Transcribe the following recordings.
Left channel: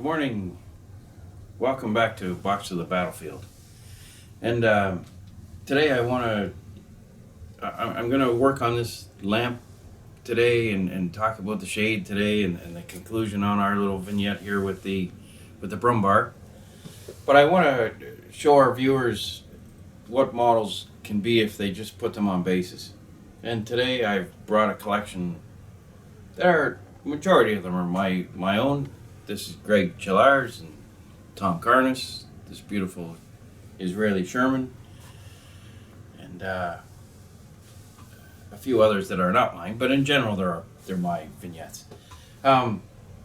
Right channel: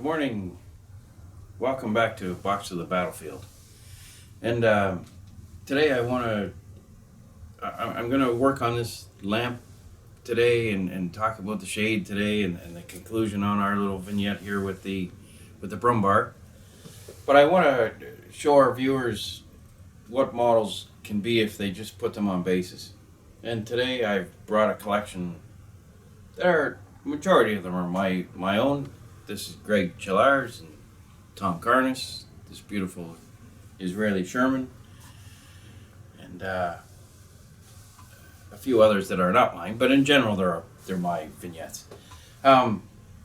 Good morning. Welcome back to Box to the Battlefield. And today I'm going to work on this lamp today and talk about the shade today and the conclusion on our little vignette here with the Brummbar. But I want to show our viewers what models can be if they just put them on bases. And today I've brought a collection. Majority of them are my own. This is Greg Chillar's and Tom Carnes, this beautiful Israeli Sherman, and a few others that are not mine, but in general they're my vignettes. And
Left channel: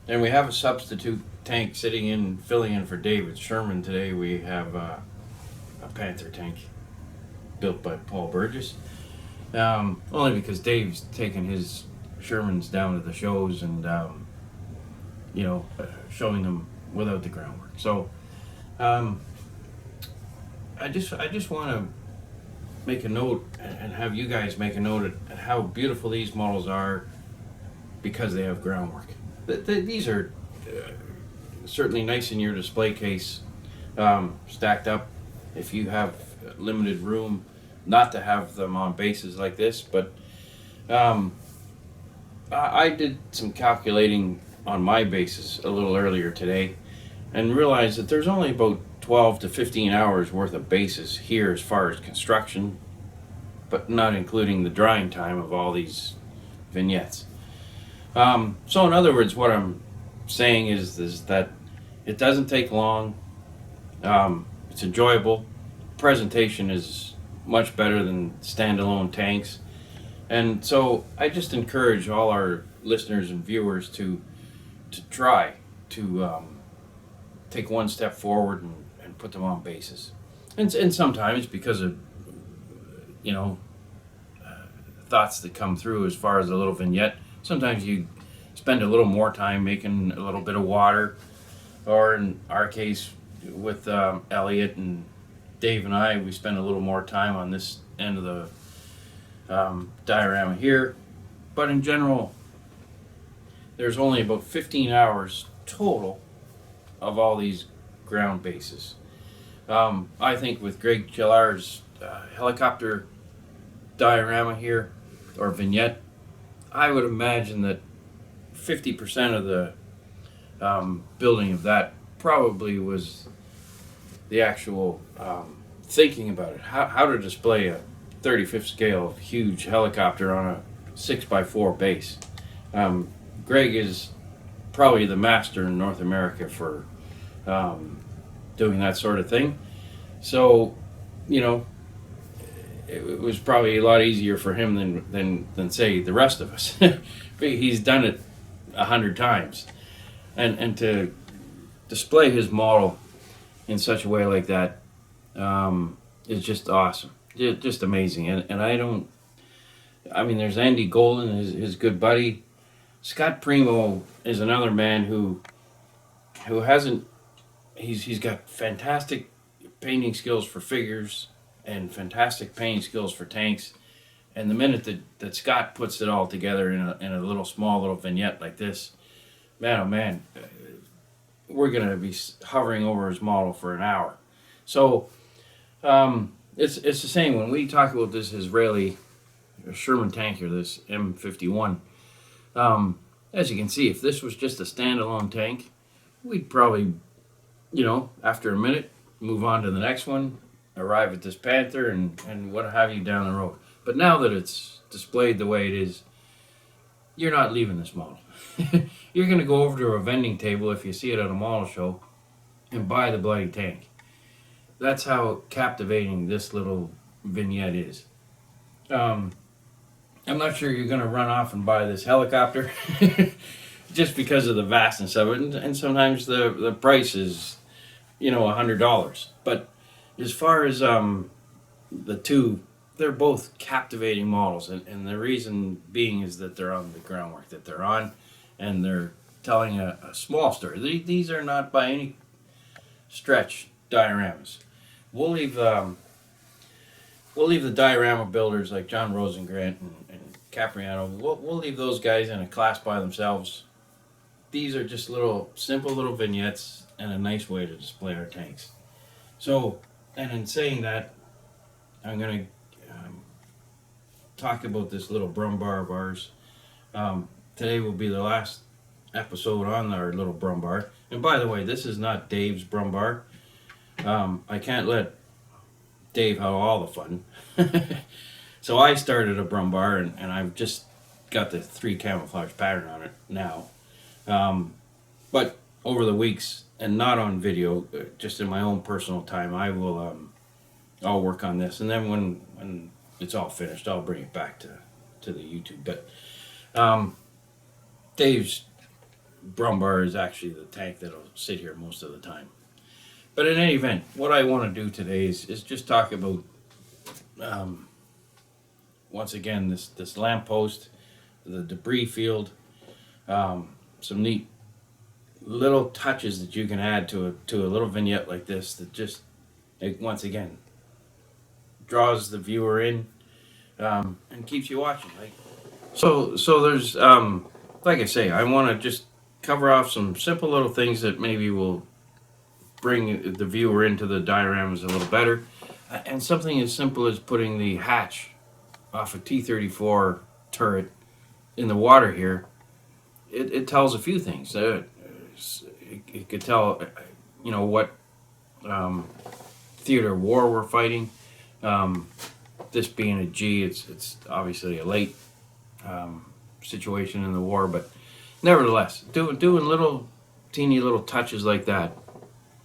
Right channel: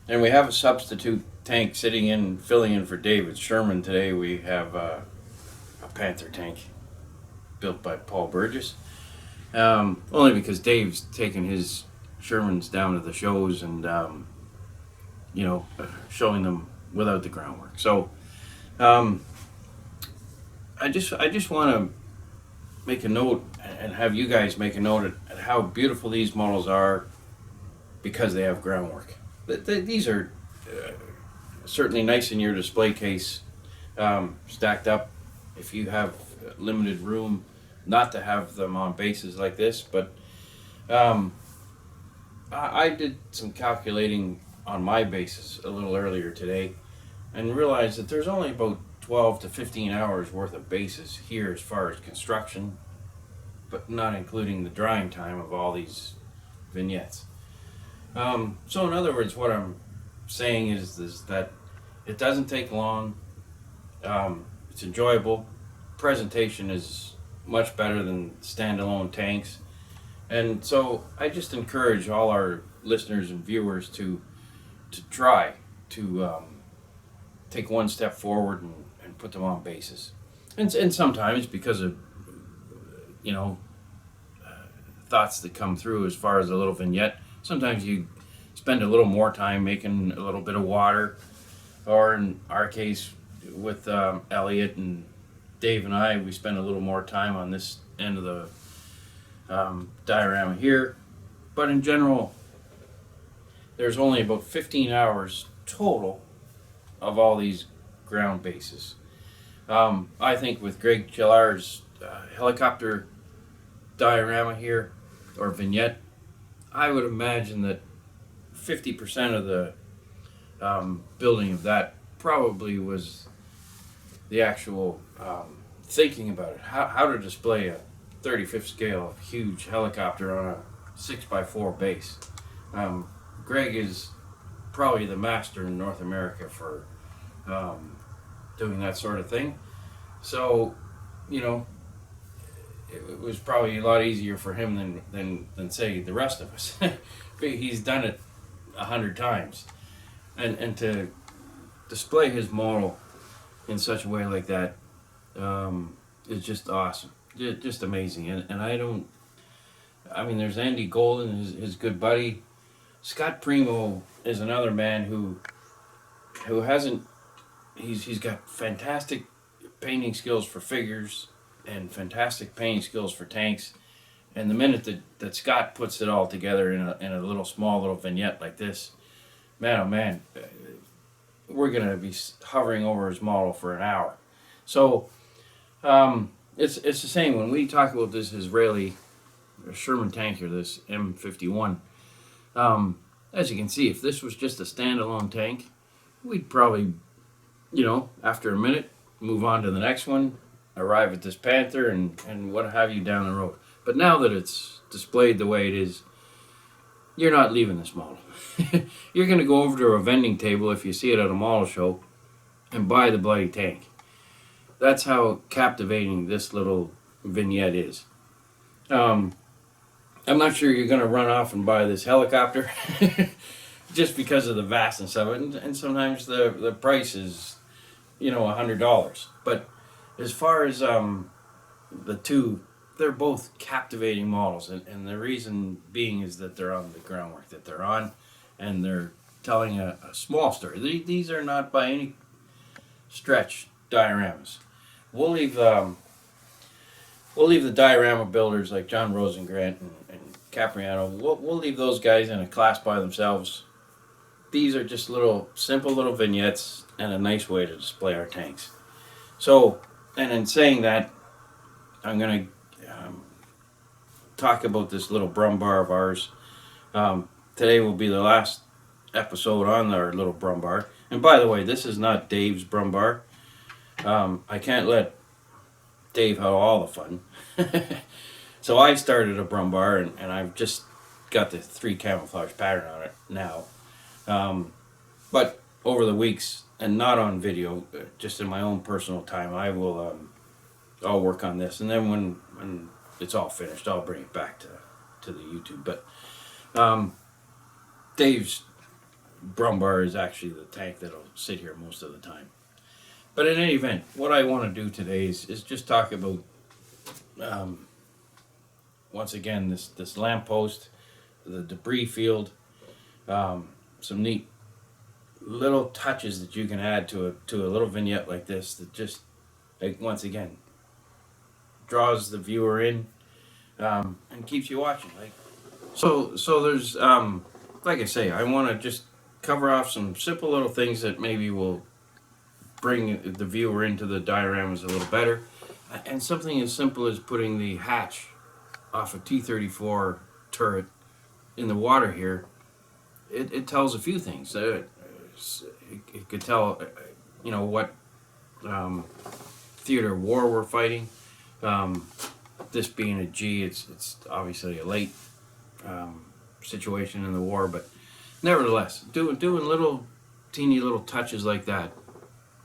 we have a substitute tank filling in for David Sherman today. We have a Panther tank built by Paul Burgess, only because Dave's taken his Shermans down to the shows and showing them without the groundwork. So I just want to make a note and have you guys make a note at how beautiful these models are because they have groundwork. These are certainly nice in your display case, stacked up if you have limited room not to have them on bases like this. But I did some calculating on my bases a little earlier today and realized that there's only about 12 to 15 hours worth of bases here as far as construction, but not including the drying time of all these vignettes. So in other words, what I'm saying is that it doesn't take long. It's enjoyable. Presentation is much better than standalone tanks. And so I just encourage all our listeners and viewers to try to take one step forward and put them on bases. And sometimes because of thoughts that come through as far as a little vignette, sometimes you spend a little more time making a little bit of water, or in our case with Elliot and Dave and I, we spend a little more time on this end of the diorama here. But in general, there's only about 15 hours total of all these ground bases. I think with Greg Chillar's helicopter diorama here, or vignette, I would imagine that 50% of the building of that probably was the actual thinking about it, how to display a 35th scale huge helicopter on a 6x4 base. Greg is probably the master in North America for doing that sort of thing. So, it was probably a lot easier for him than say the rest of us. He's done it 100 times, and to display his model in such a way like that is just awesome, just amazing. And there's Andy Golden, his good buddy. Scott Primo is another man who hasn't. He's got fantastic painting skills for figures and fantastic painting skills for tanks. And the minute that Scott puts it all together in a small little vignette like this, man, oh man, we're gonna be hovering over his model for an hour. So it's the same when we talk about this Israeli Sherman tanker, this M51. As you can see, if this was just a standalone tank, we'd probably, after a minute, move on to the next one, arrive at this Panther, and what have you down the road. But now that it's displayed the way it is, you're not leaving this model. You're going to go over to a vending table if you see it at a model show and buy the bloody tank. That's how captivating this little vignette is. I'm not sure you're going to run off and buy this helicopter just because of the vastness of it. And sometimes the price is, $100. But as far as the two, they're both captivating models. And the reason being is that they're on the groundwork that they're on. And they're telling a small story. These are not by any stretch dioramas. We'll leave the diorama builders like John Rosengrant and Capriano. We'll leave those guys in a class by themselves. these are just simple little vignettes and a nice way to display our tanks. So, and in saying that, I'm going to talk about this little Brummbar of ours. Today will be the last episode on our little Brummbar. And by the way, this is not Dave's Brummbar. I can't let Dave have all the fun. So I started a Brummbar, and I've just got the 3 camouflage pattern on it now. But over the weeks, and not on video, just in my own personal time, I'll work on this. And then when it's all finished, I'll bring it back to the YouTube. But Dave's Brummbar is actually the tank that'll sit here most of the time. But in any event, what I want to do today is just talk about, once again, this lamppost, the debris field, some neat little touches that you can add to a little vignette like this that just, like, once again, draws the viewer in and keeps you watching. So there's, like I say, I want to just cover off some simple little things that maybe will bring the viewer into the dioramas a little better. And something as simple as putting the hatch off a T-34 turret in the water here, it tells a few things. It could tell, what theater of war we're fighting. This being a G, it's obviously a late situation in the war, but nevertheless, doing little teeny little touches like that,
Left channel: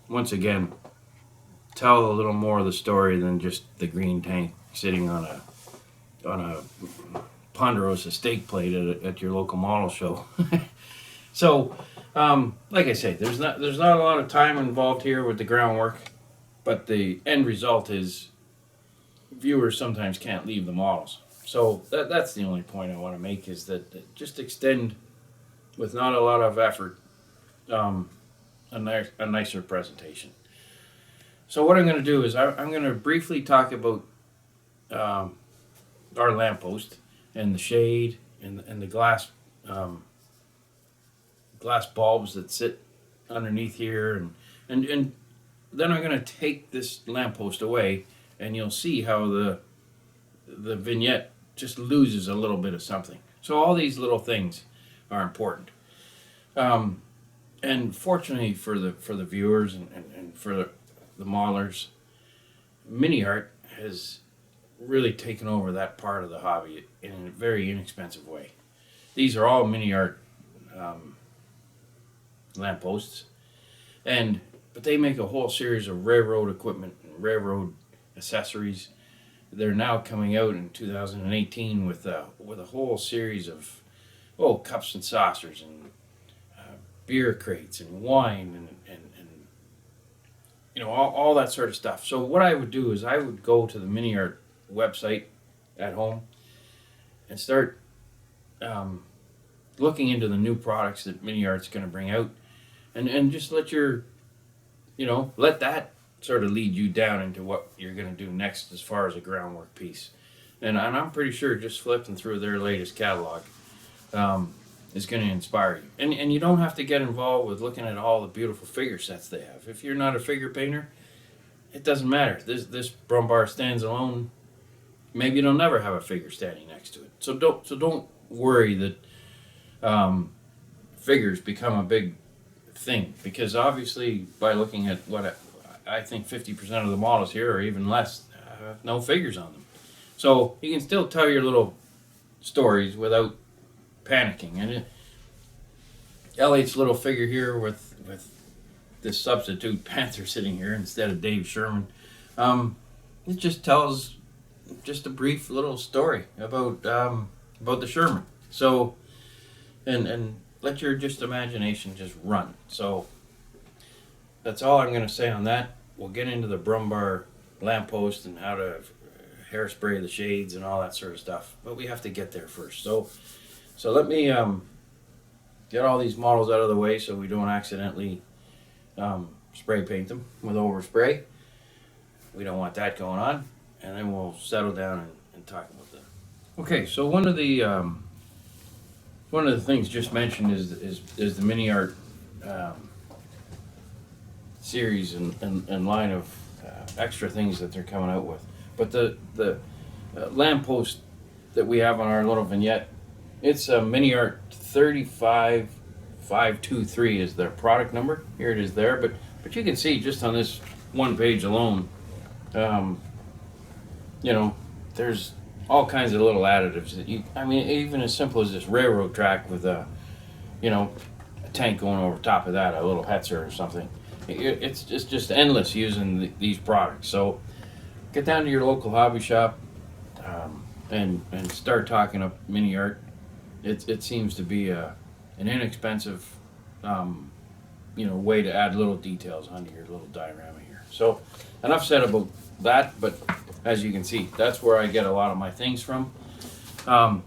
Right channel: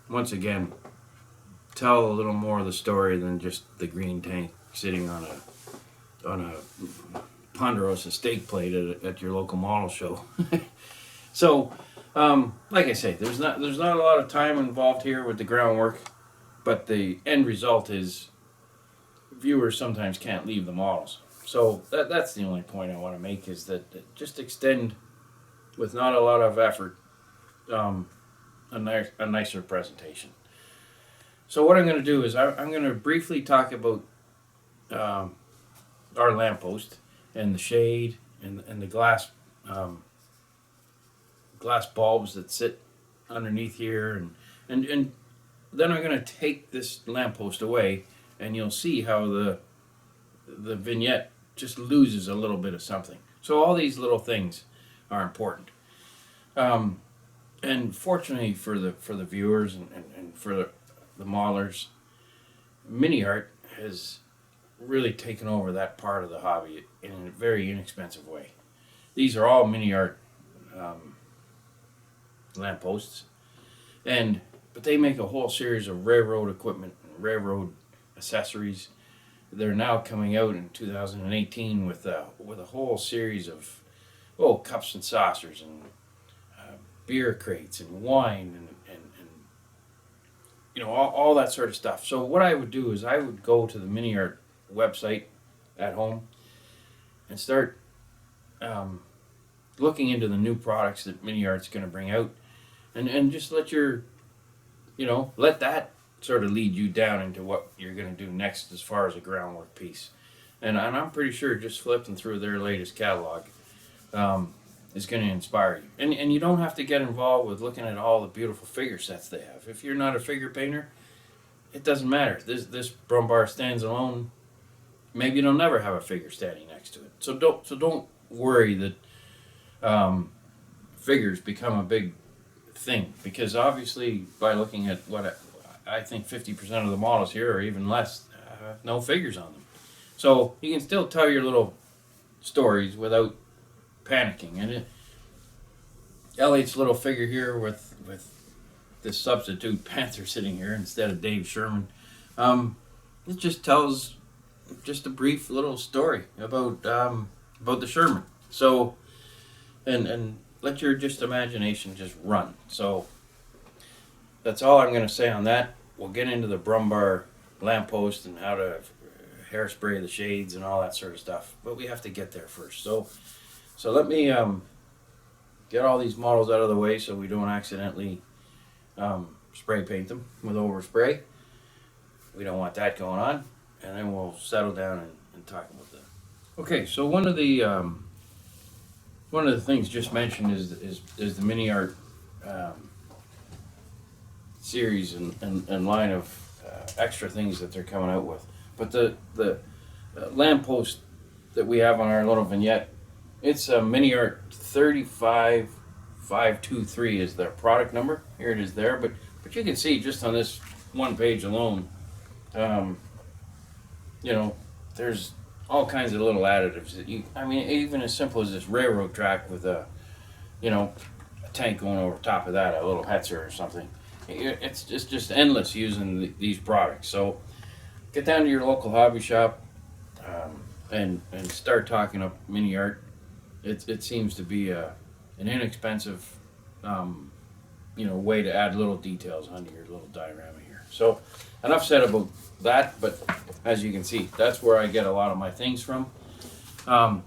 once again, tell a little more of the story than just the green tank sitting on a Ponderosa steak plate at your local model show. So, like I say, there's not a lot of time involved here with the groundwork, but the end result is viewers sometimes can't leave the models. So that's the only point I want to make, is that just extend with not a lot of effort a nicer presentation. So what I'm going to do is I'm going to briefly talk about our lamppost and the shade and the glass bulbs that sit underneath here, and then I'm going to take this lamppost away, and you'll see how the vignette just loses a little bit of something. So all these little things are important. And fortunately for the viewers and for the modelers, mini art has really taken over that part of the hobby in a very inexpensive way. These are all mini art lampposts, but they make a whole series of railroad equipment and railroad accessories. They're now coming out in 2018 with a whole series of cups and saucers and beer crates and wine and all that sort of stuff. So what I would do is I would go to the mini art website at home and start looking into the new products that mini art's going to bring out, and just let that sort of lead you down into what you're going to do next as far as a groundwork piece. And I'm pretty sure just flipping through their latest catalog is going to inspire you. And you don't have to get involved with looking at all the beautiful figure sets they have. If you're not a figure painter, it doesn't matter. This Brummbar stands alone. Maybe you'll never have a figure standing next to it. So don't worry that figures become a big thing, because obviously by looking at what I think 50% of the models here, or even less, have no figures on them. So you can still tell your little stories without panicking. And Elliot's little figure here with this substitute panther sitting here instead of Dave Sherman, it just tells just a brief little story about the Sherman. So and let your just imagination just run. So that's all I'm going to say on that. We'll get into the Brummbar lamppost and how to hairspray the shades and all that sort of stuff, but we have to get there first. So let me get all these models out of the way so we don't accidentally spray paint them with overspray. We don't want that going on, and then we'll settle down and talk about that. Okay, so one of the one of the things just mentioned is the mini art series and line of extra things that they're coming out with. But the lamppost that we have on our little vignette, it's a mini art 35523 is their product number. Here it is there, but you can see just on this one page alone, you know, there's all kinds of little additives that I mean, even as simple as this railroad track with a, you know, a tank going over top of that, a little Hetzer or something. It's just endless using these products. So get down to your local hobby shop and start talking up mini art. It seems to be an inexpensive, you know, way to add little details onto your little diorama here. So enough said about that, but as you can see, that's where I get a lot of my things from. Now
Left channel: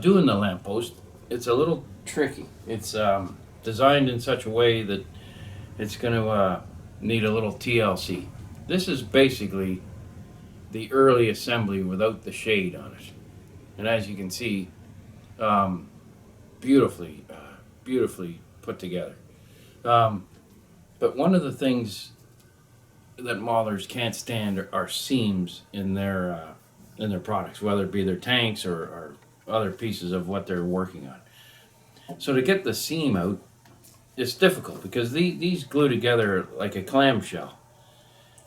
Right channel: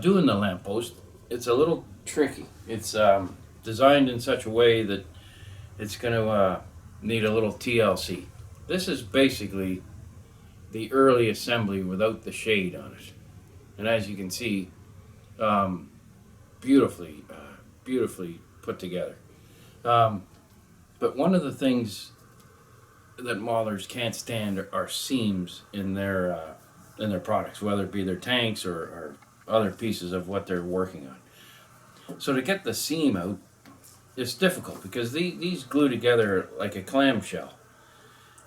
doing the lamppost, it's a little tricky. It's designed in such a way that it's going to need a little TLC. This is basically the early assembly without the shade on it. And as you can see, beautifully put together. But one of the things that maulers can't stand are seams in their products, whether it be their tanks or other pieces of what they're working on. So to get the seam out, it's difficult because these glue together like a clamshell.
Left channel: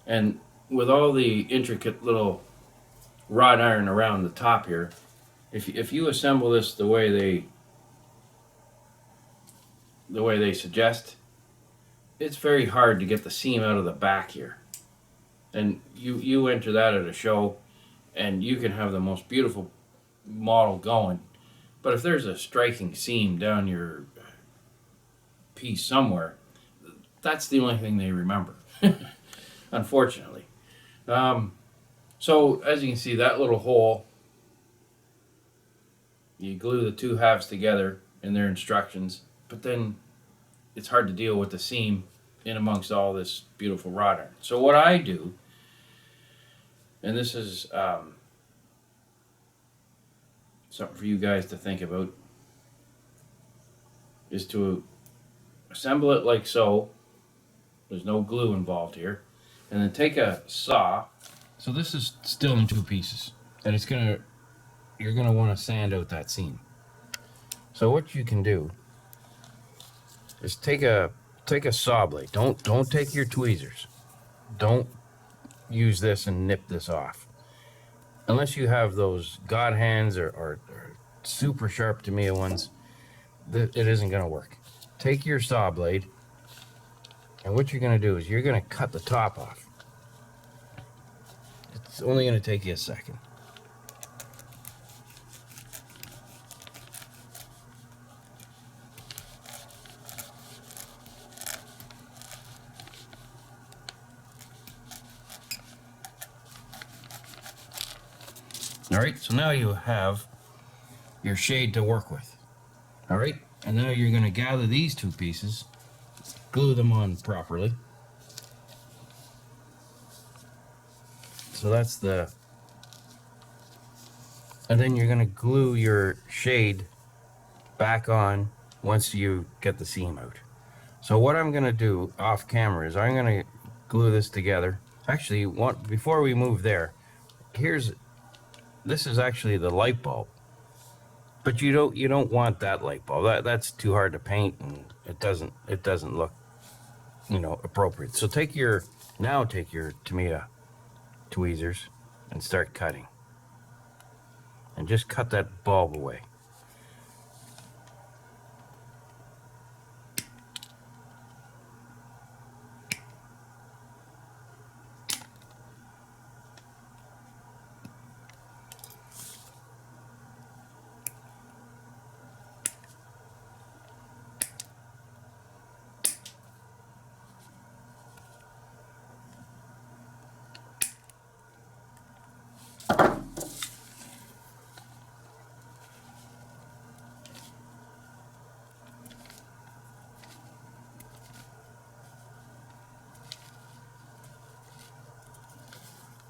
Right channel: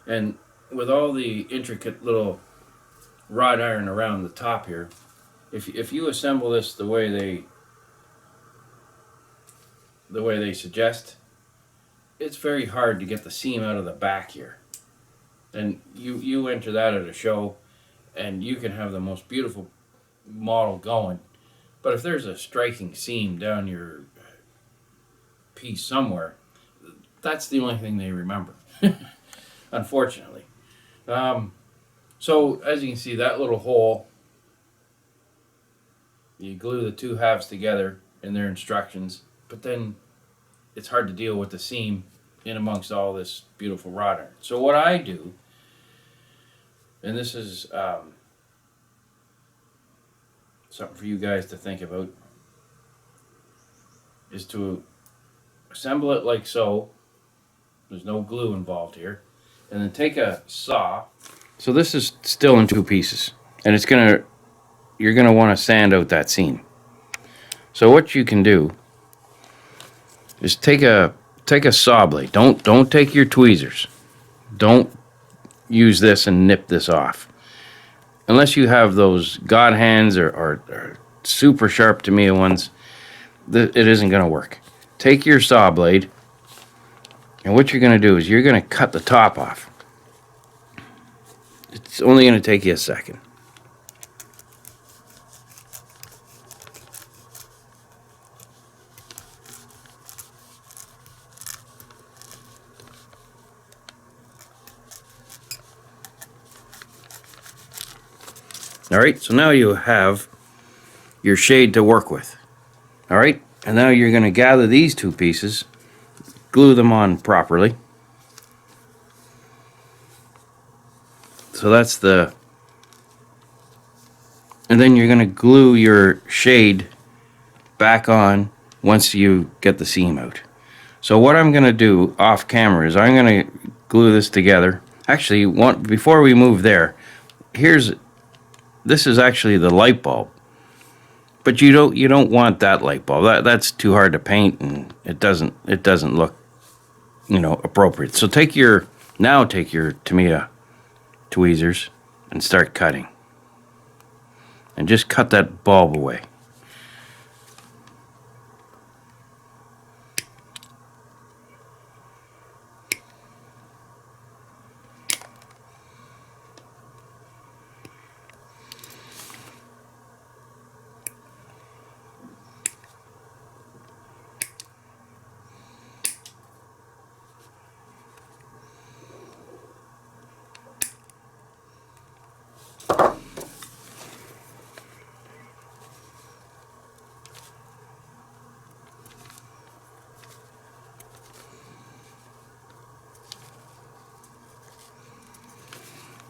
And with all the intricate little wrought iron around the top here, if you assemble this the way they suggest, it's very hard to get the seam out of the back here. And you enter that at a show and you can have the most beautiful model going, but if there's a striking seam down your piece somewhere, that's the only thing they remember, unfortunately. So as you can see, that little hole, you glue the two halves together in their instructions, but then it's hard to deal with the seam in amongst all this beautiful wrought iron. So what I do, and this is something for you guys to think about, is to assemble it like so. There's no glue involved here. And then take a saw. So this is still in two pieces, and you're gonna want to sand out that seam. So what you can do is take a saw blade. Don't take your tweezers. Don't use this and nip this off. Unless you have those god hands or super sharp Tamiya ones, it isn't gonna work. Take your saw blade, and what you're gonna do is you're gonna cut the top off. It's only gonna take you a second. All right, so now you have your shade to work with. All right, and now you're gonna gather these two pieces, glue them on properly. So that's and then you're gonna glue your shade back on once you get the seam out. So what I'm gonna do off camera is I'm gonna glue this together. Actually, before we move there, this is actually the light bulb, but you don't want that light bulb. That's too hard to paint, and it doesn't look, you know, appropriate. So take your Tamiya tweezers and start cutting, and just cut that bulb away.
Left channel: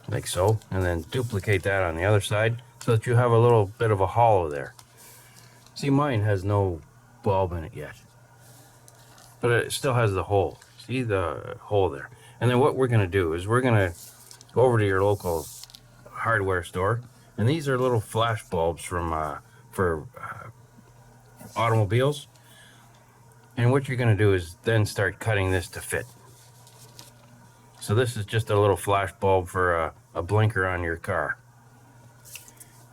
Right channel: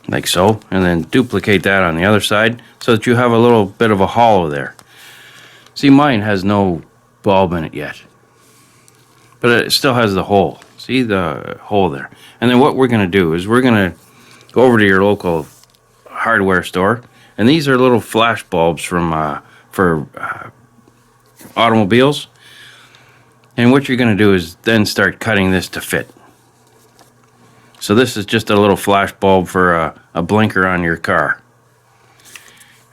Like so, and then duplicate that on the other side so that you have a little bit of a hollow there. See, mine has no bulb in it yet, but it still has the hole. See the hole there? And then what we're going to do is we're going to go over to your local hardware store, and these are little flash bulbs from for automobiles. And what you're going to do is then start cutting this to fit. So this is just a little flash bulb for a blinker on your car.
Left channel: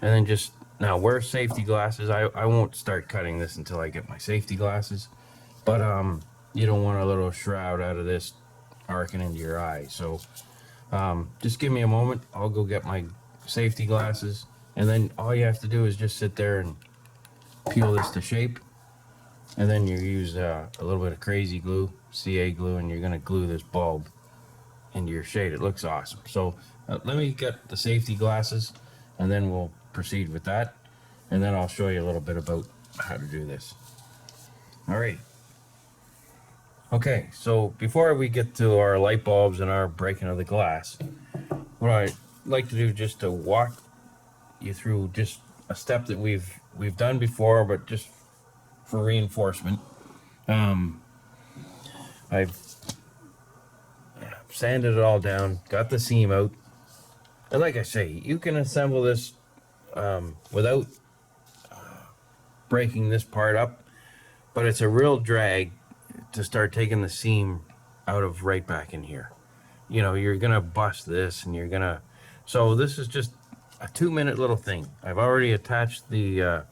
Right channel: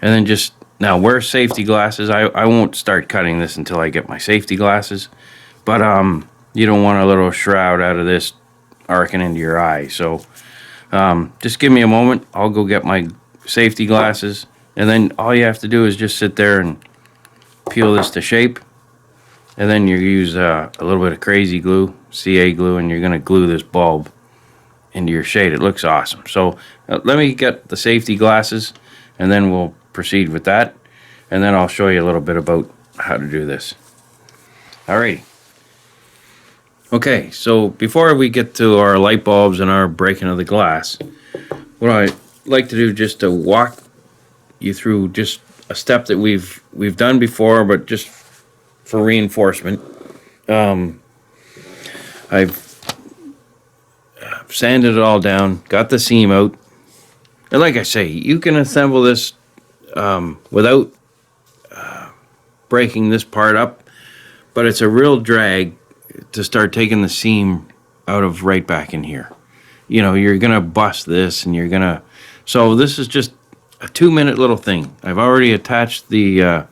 And then just, now wear safety glasses. I won't start cutting this until I get my safety glasses. But you don't want a little shroud out of this arcing into your eye. So just give me a moment. I'll go get my safety glasses. And then all you have to do is just sit there and peel this to shape. And then you use a little bit of crazy glue, CA glue, and you're going to glue this bulb into your shade. It looks awesome. So let me get the safety glasses, and then we'll proceed with that. And then I'll show you a little bit about how to do this. Alrighty. Okay, so before we get to our light bulbs and our breaking of the glass, what I'd like to do just to walk you through just a step that we've done before, but just for reinforcement. I've sanded it all down, got the seam out, and like I say, you can assemble this without breaking this part up, but it's a real drag to start taking the seam out of right back in here. You know, you're gonna bust this, and you're gonna, so this is just a 2-minute little thing. I've already attached the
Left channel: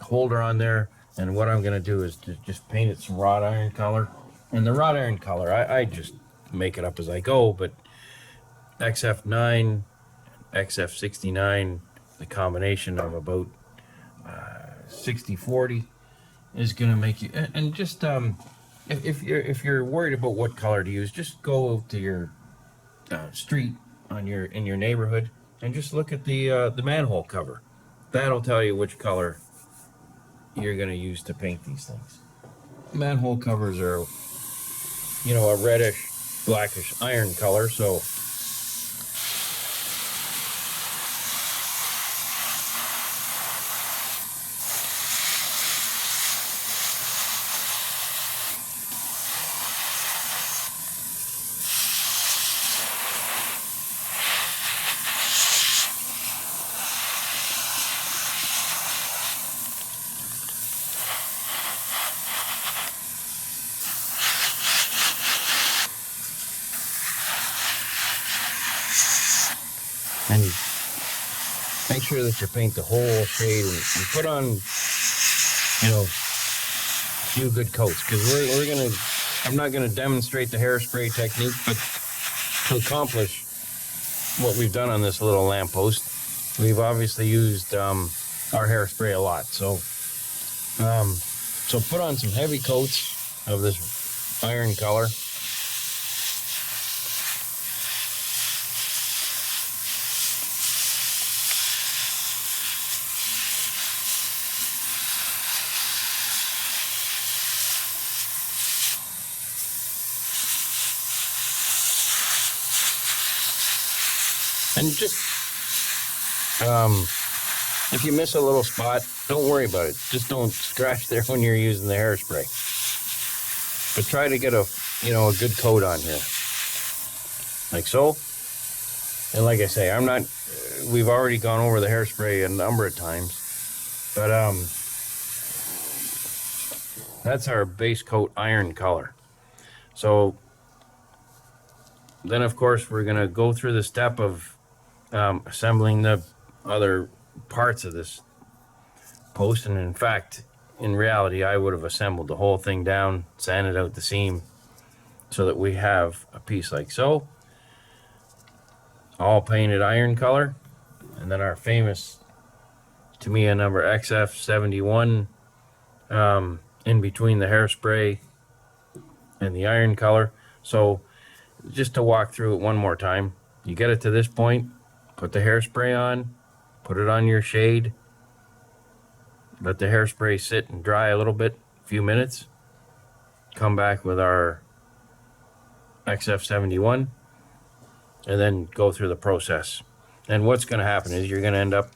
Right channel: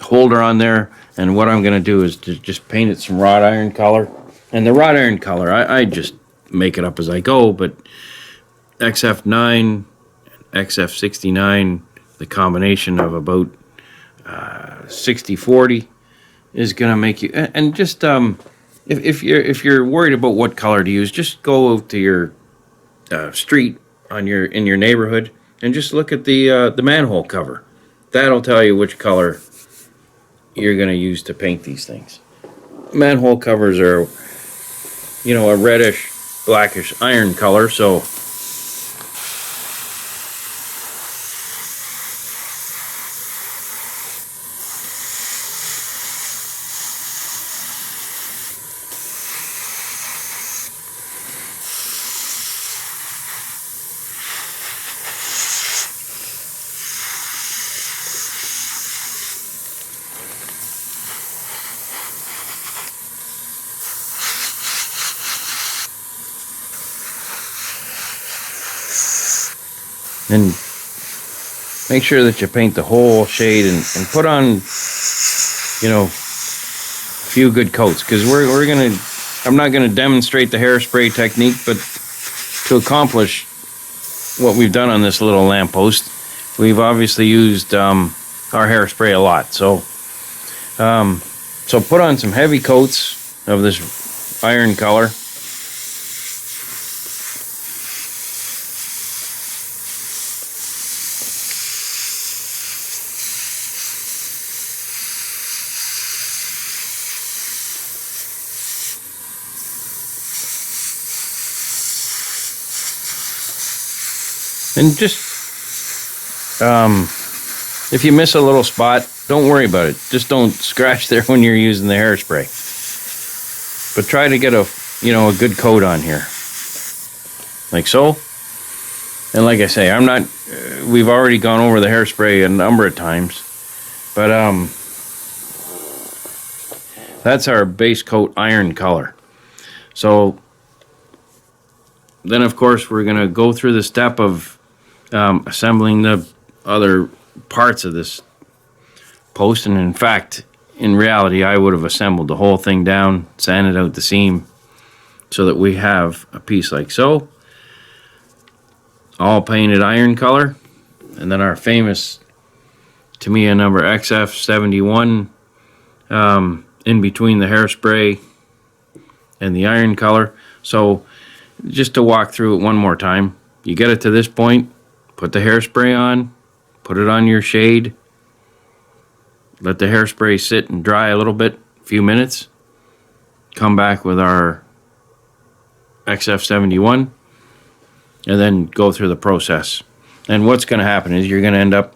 holder on there, and what I'm gonna do is to just paint it some wrought iron color. And the wrought iron color, I just make it up as I go, but XF9, XF69, the combination of about 60-40 is gonna make you, and just if you're worried about what color to use, just go to your street in your neighborhood and just look at the manhole cover. That'll tell you which color you're going to use to paint these things. Manhole covers are, you know, a reddish, blackish iron color, so and make sure that you paint the whole shade and put on, you know, a few good coats, because we're gonna, I'm not gonna demonstrate the hairspray technique, but to accomplish what we've done on this little lamppost, we've obviously used our hairspray a lot. So so put on some heavy coats of this iron color. And just, if you miss a little spot, don't worry about it. Just don't scratch there when you're using the hairspray. But try to get a good coat on here. Like so. And like I say, we've already gone over the hairspray a number of times. But, that's our base coat iron color. So, then of course we're going to go through the step of assembling the other parts of this post. And in fact, in reality, I would have assembled the whole thing down, sanded out the seam, so that we have a piece like so, all painted iron color. And then our famous Tamiya number XF71 in between the hairspray and the iron color. So just to walk through it one more time, you get it to this point, put the hairspray on, put it on your shade, let the hairspray sit and dry a little bit, a few minutes, come back with our XF71, and then go through the process. And what's going to happen is you're going to end up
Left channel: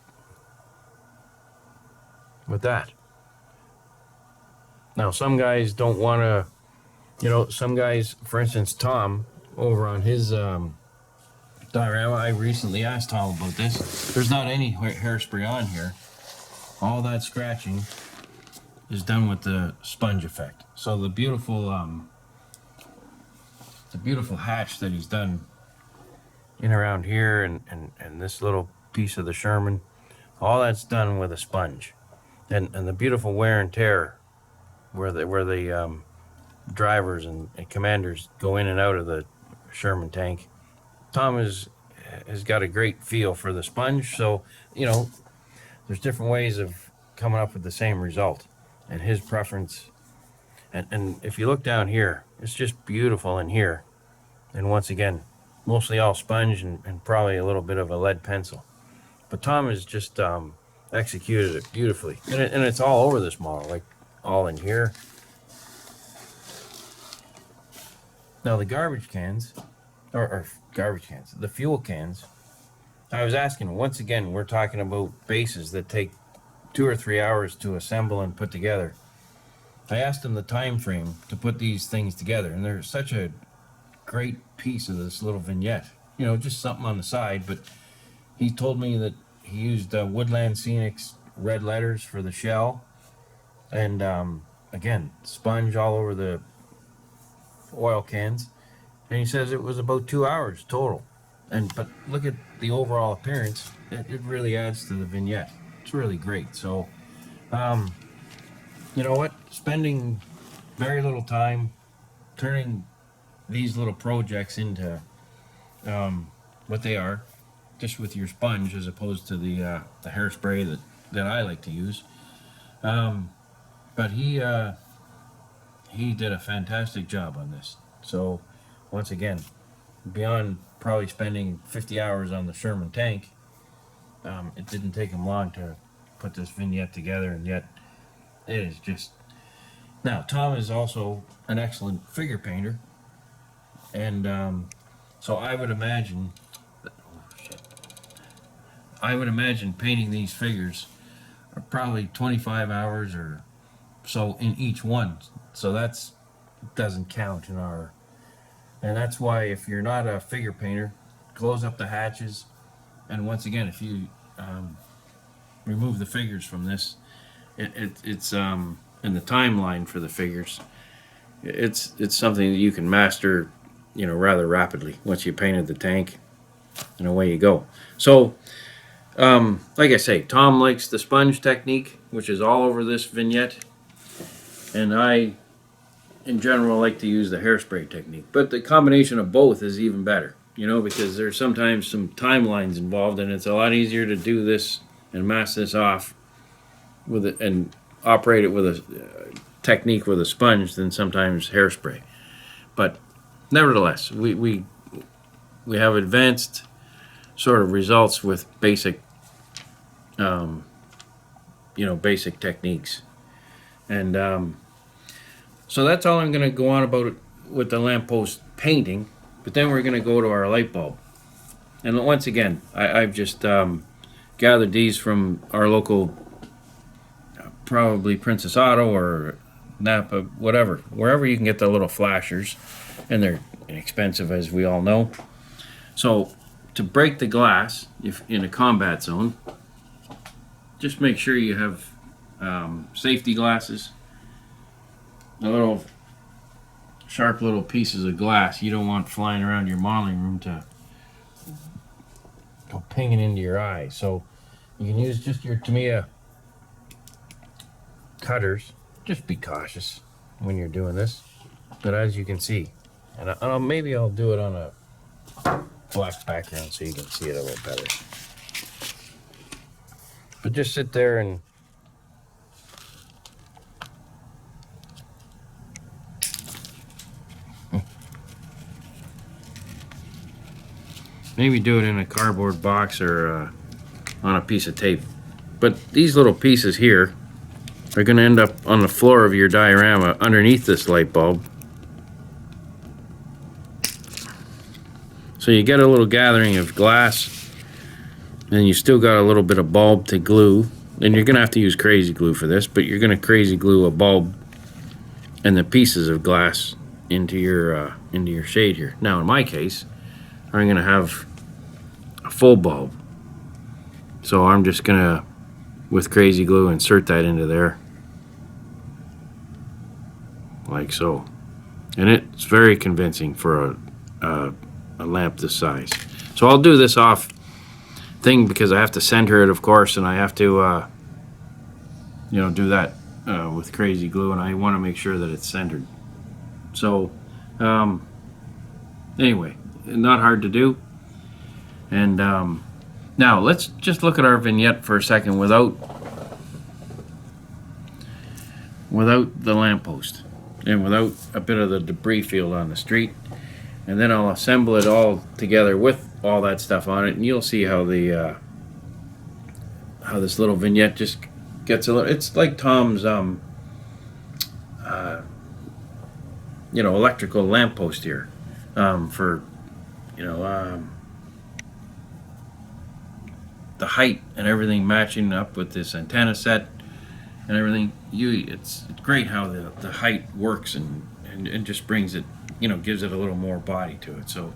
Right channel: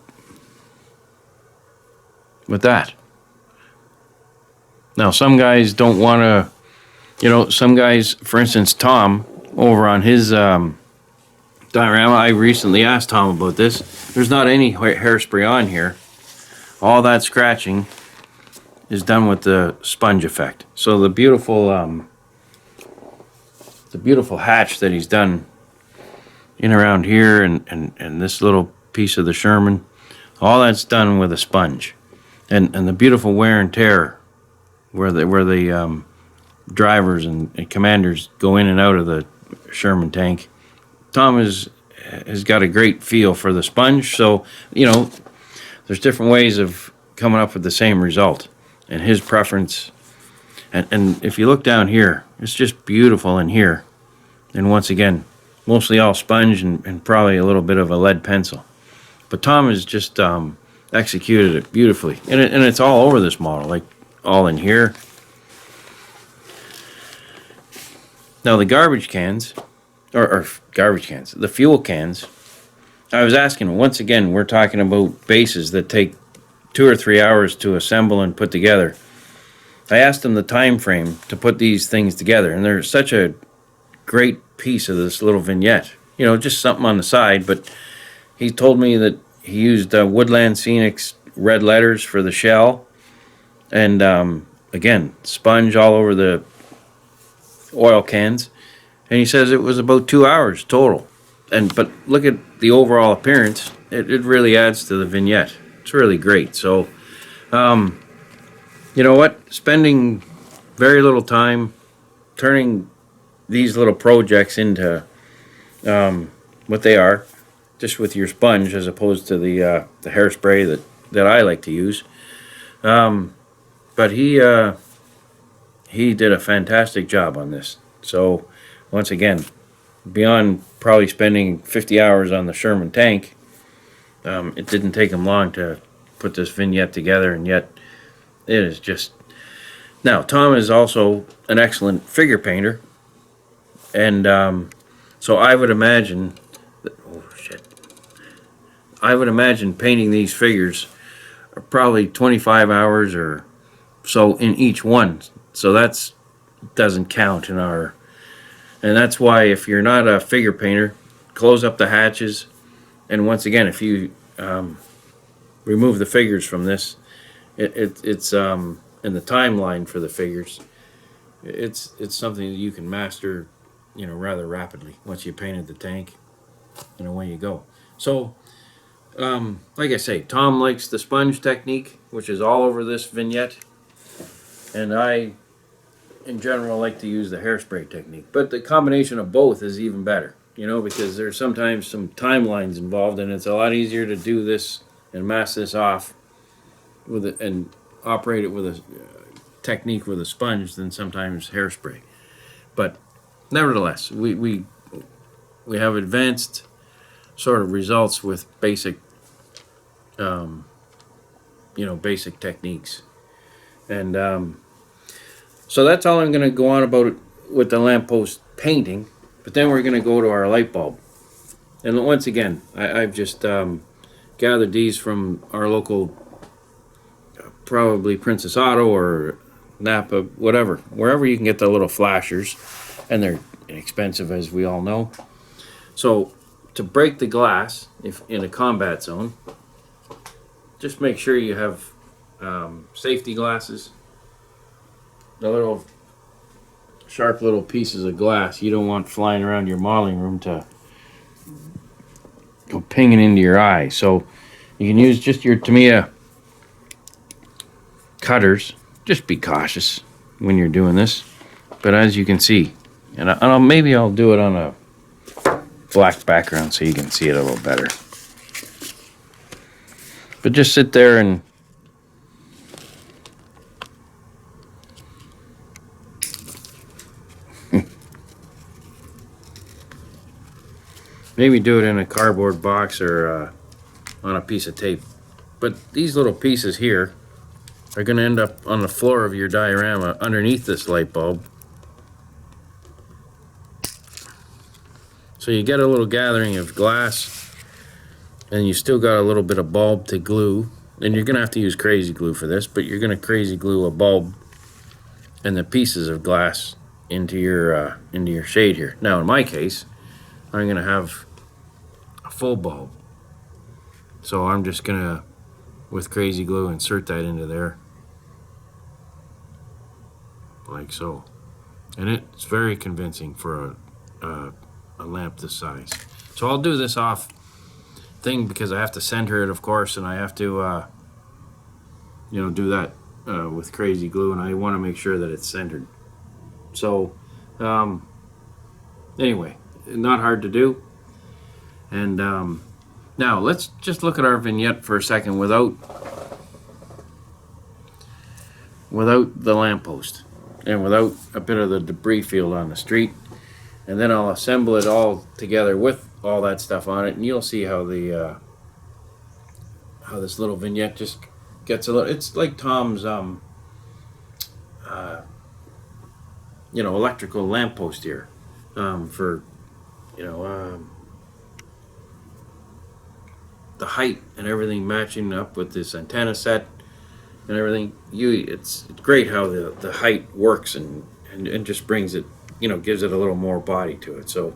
with that. Now, some guys don't want to, some guys, for instance, Tom, over on his diorama, I recently asked Tom about this. There's not any hairspray on here. All that scratching is done with the sponge effect. So the beautiful hatch that he's done in around here and this little piece of the Sherman, all that's done with a sponge. And the beautiful wear and tear where the drivers and commanders go in and out of the Sherman tank. Tom has got a great feel for the sponge, so there's different ways of coming up with the same result, and his preference. And if you look down here, it's just beautiful in here. And once again, mostly all sponge and probably a little bit of a lead pencil. But Tom has just executed it beautifully, and it's all over this model, like all in here. Now the garbage cans, or garbage cans, the fuel cans, I was asking, once again, we're talking about bases that take 2 or 3 hours to assemble and put together. I asked him the time frame to put these things together, and they're such a great piece of this little vignette. Just something on the side, but he told me that he used Woodland Scenics red letters for the shell, and again, sponge all over the oil cans, and he says it was about 2 hours total. But look at the overall appearance. It really adds to the vignette. It's really great. So, you know what? Spending very little time turning these little projects into what they are, just with your sponge as opposed to the hairspray that I like to use. But he did a fantastic job on this. So once again, beyond probably spending 50 hours on the Sherman tank, it didn't take him long to put this vignette together, and yet it is just... Now, Tom is also an excellent figure painter, and so I would imagine I would imagine painting these figures are probably 25 hours or so in each one. So that's doesn't count in our... And that's why, if you're not a figure painter, close up the hatches. And once again, if you remove the figures from this, it's in the timeline for the figures. It's something that you can master, rather rapidly once you painted the tank, and away you go. So, like I say, Tom likes the sponge technique, which is all over this vignette, and I, in general, like to use the hairspray technique. But the combination of both is even better, because there's sometimes some timelines involved, and it's a lot easier to do this and mask this off with it and operate it with a technique with a sponge than sometimes hairspray. But nevertheless, we have advanced sort of results with basic basic techniques. And so that's all I'm going to go on about with the lamppost painting. But then we're going to go to our light bulb. And once again, I've just gathered these from our local, probably Princess Auto or Napa, whatever, wherever you can get the little flashers, and they're inexpensive, as we all know. So to break the glass, if in a combat zone, just make sure you have safety glasses, the little sharp little pieces of glass you don't want flying around your modeling room to go pinging into your eye. So you can use just your Tamiya cutters. Just be cautious when you're doing this. But as you can see, and maybe I'll do it on a black background so you can see it a little better. But just sit there and maybe do it in a cardboard box or on a piece of tape. But these little pieces here are going to end up on the floor of your diorama underneath this light bulb. So you get a little gathering of glass, and you still got a little bit of bulb to glue and you're going to have to use crazy glue for this, but you're going to crazy glue a bulb and the pieces of glass into your shade here. Now, in my case, I'm going to have a full bulb. So I'm just going to, with crazy glue, insert that into there. Like so. And it's very convincing for a lamp this size. So I'll do this off thing because I have to center it, of course, and I have to, do that with crazy glue, and I want to make sure that it's centered. So, anyway, not hard to do. And now let's just look at our vignette for a second without the lamppost and without a bit of the debris field on the street. And then I'll assemble it all together with all that stuff on it, and you'll see how the how this little vignette just gets a little. It's like Tom's electrical lamppost here for the height and everything matching up with this antenna set and everything. It's great how the height works and just brings it, gives it a little more body to it. So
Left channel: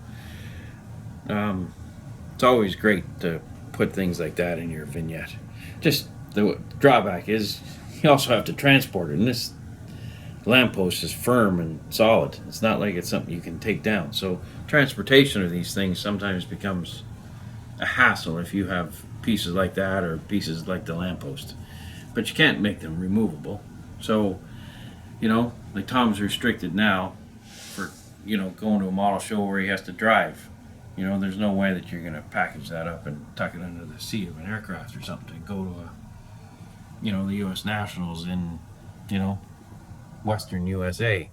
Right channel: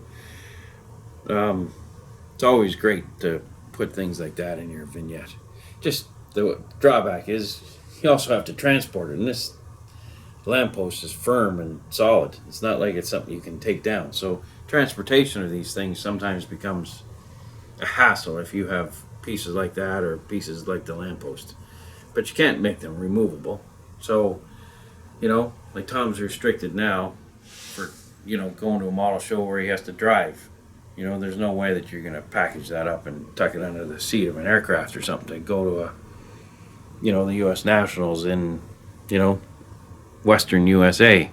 it's always great to put things like that in your vignette. Just the drawback is you also have to transport it, and this lamppost is firm and solid. It's not like it's something you can take down. So transportation of these things sometimes becomes a hassle if you have pieces like that or pieces like the lamppost. But you can't make them removable. So, like Tom's restricted now for, going to a model show where he has to drive. There's no way that you're going to package that up and tuck it under the seat of an aircraft or something to go to the U.S. Nationals in, Western USA.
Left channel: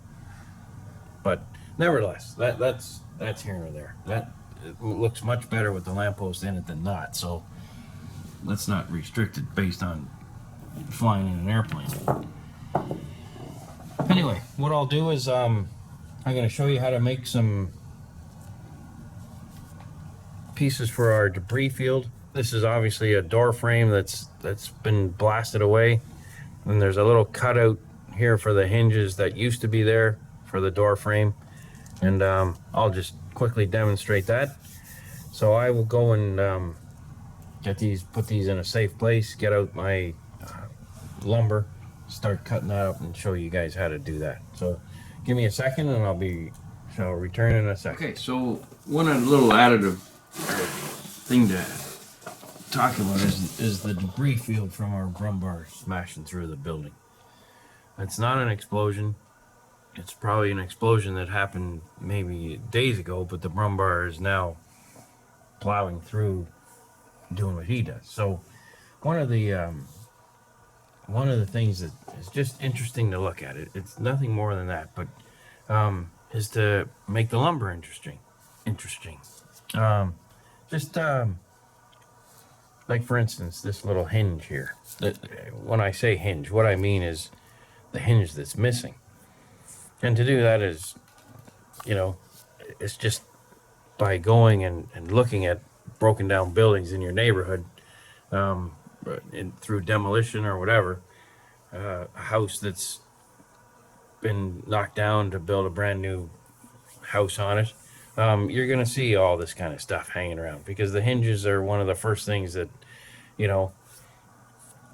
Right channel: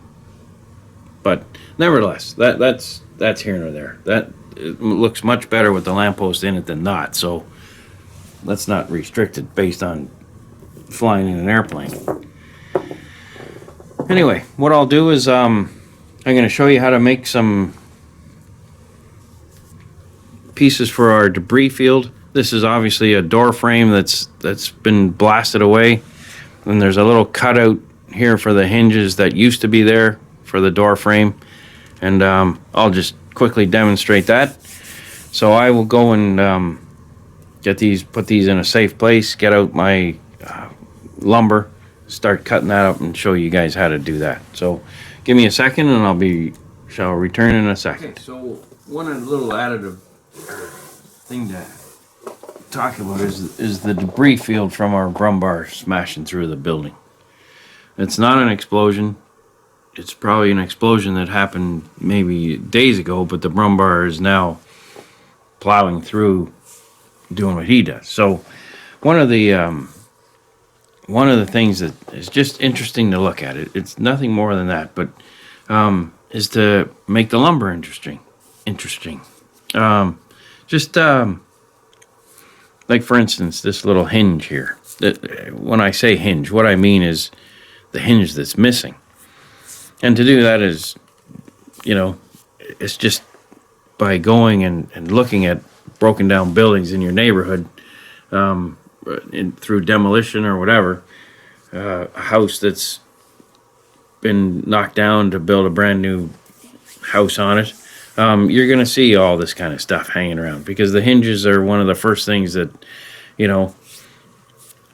But nevertheless, that's here nor there. That it looks much better with the lamppost in it than not. So let's not restrict it based on flying in an airplane. Anyway, what I'll do is I'm going to show you how to make some pieces for our debris field. This is obviously a door frame that's been blasted away, and there's a little cutout here for the hinges that used to be there for the door frame, and I'll just quickly demonstrate that. So I will go and put these in a safe place, get out my lumber, start cutting that up, and show you guys how to do that. So give me a second, and shall return in a second. Okay, so one little additive thing to talk about is the debris field from our Brummbar smashing through the building. It's not an explosion. It's probably an explosion that happened maybe days ago, but the Brummbar is now plowing through, doing what he does. So one of the things that is just interesting to look at, it's nothing more than that, but is to make the lumber interesting. Like for instance, this little hinge here. When I say hinge, what I mean is the hinge that's missing. And to do that is, it's just by going and looking at broken down buildings in your neighborhood, through demolition or whatever, a house that's been knocked down to build a brand new house on it, you're going to see all this kind of stuff hanging around, because the hinges are one of the first things that,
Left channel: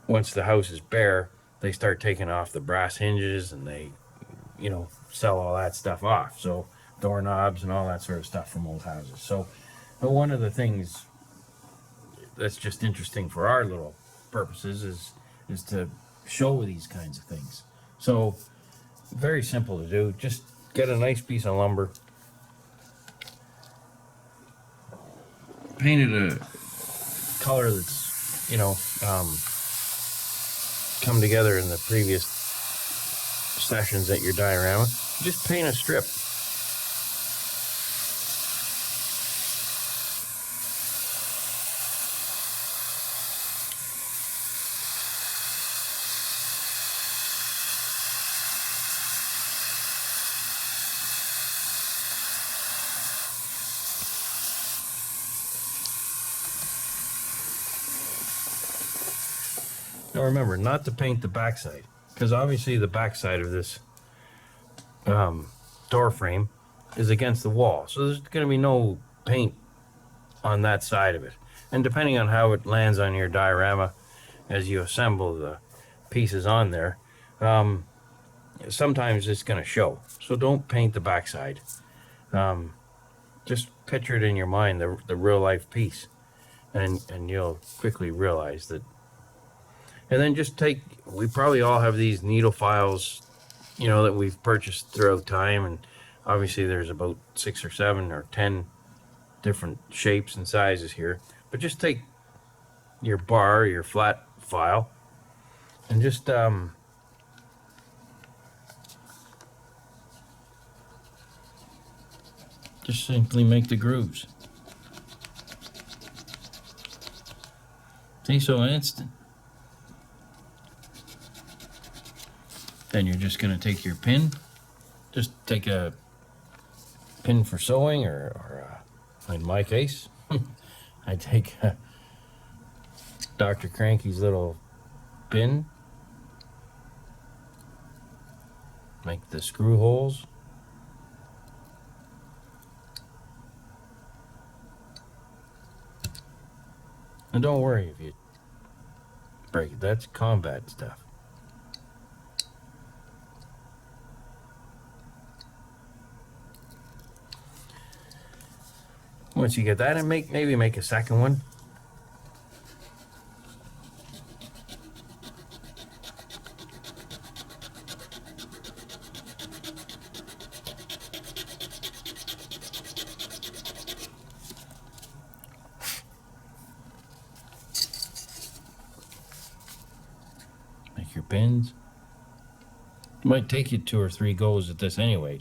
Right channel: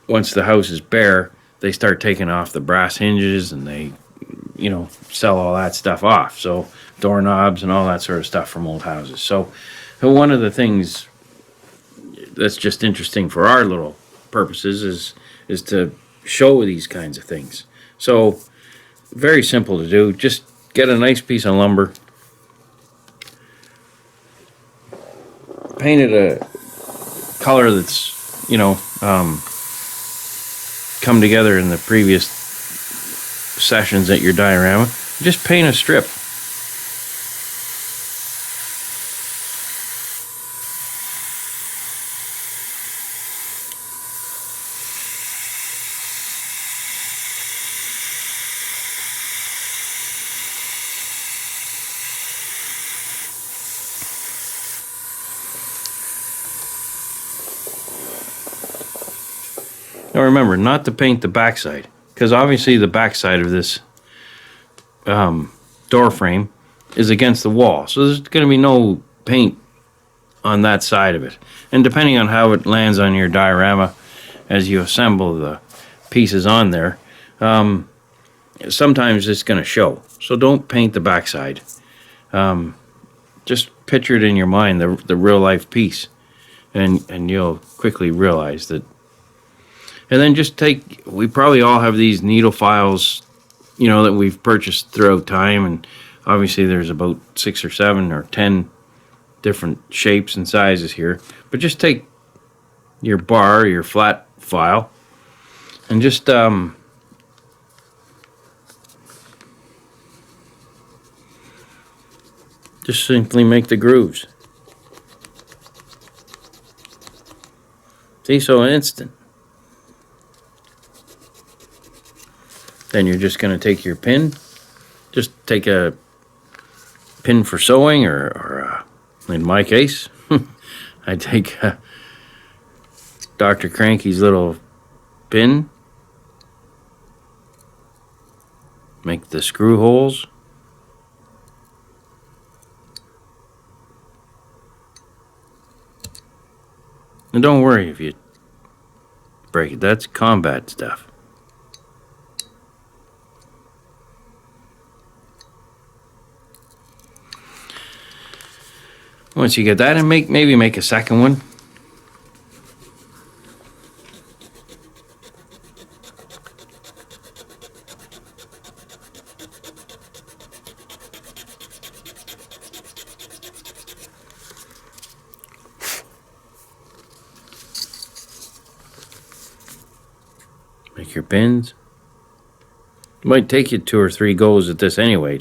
once the house is bare, they start taking off the brass hinges and they, sell all that stuff off. So doorknobs and all that sort of stuff from old houses. So one of the things that's just interesting for our little purposes is to show these kinds of things. So very simple to do. Just get a nice piece of lumber, paint it a color that's come together in the previous sessions at your diorama. Just paint a strip. Now remember, not to paint the backside, because obviously the backside of this door frame is against the wall, so there's going to be no paint on that side of it. And depending on how it lands on your diorama as you assemble the pieces on there, sometimes it's going to show. So don't paint the backside. Just picture it in your mind, the real life piece, and you'll quickly realize that. And then just we probably all have these needle files, that we've purchased throughout time, and obviously there's about 6 or 7 or 10 different shapes and sizes here. But just take your bar, your flat file, and just simply make the grooves. See, so instant. Then you're just going to take your pin, just take a pin for sewing, or in my case, I take Dr. Cranky's little pin, make the screw holes, and don't worry if you break it, that's combat stuff. Once you get that, and maybe make a second one. Make your pins. It might take you 2 or 3 goes at this anyway,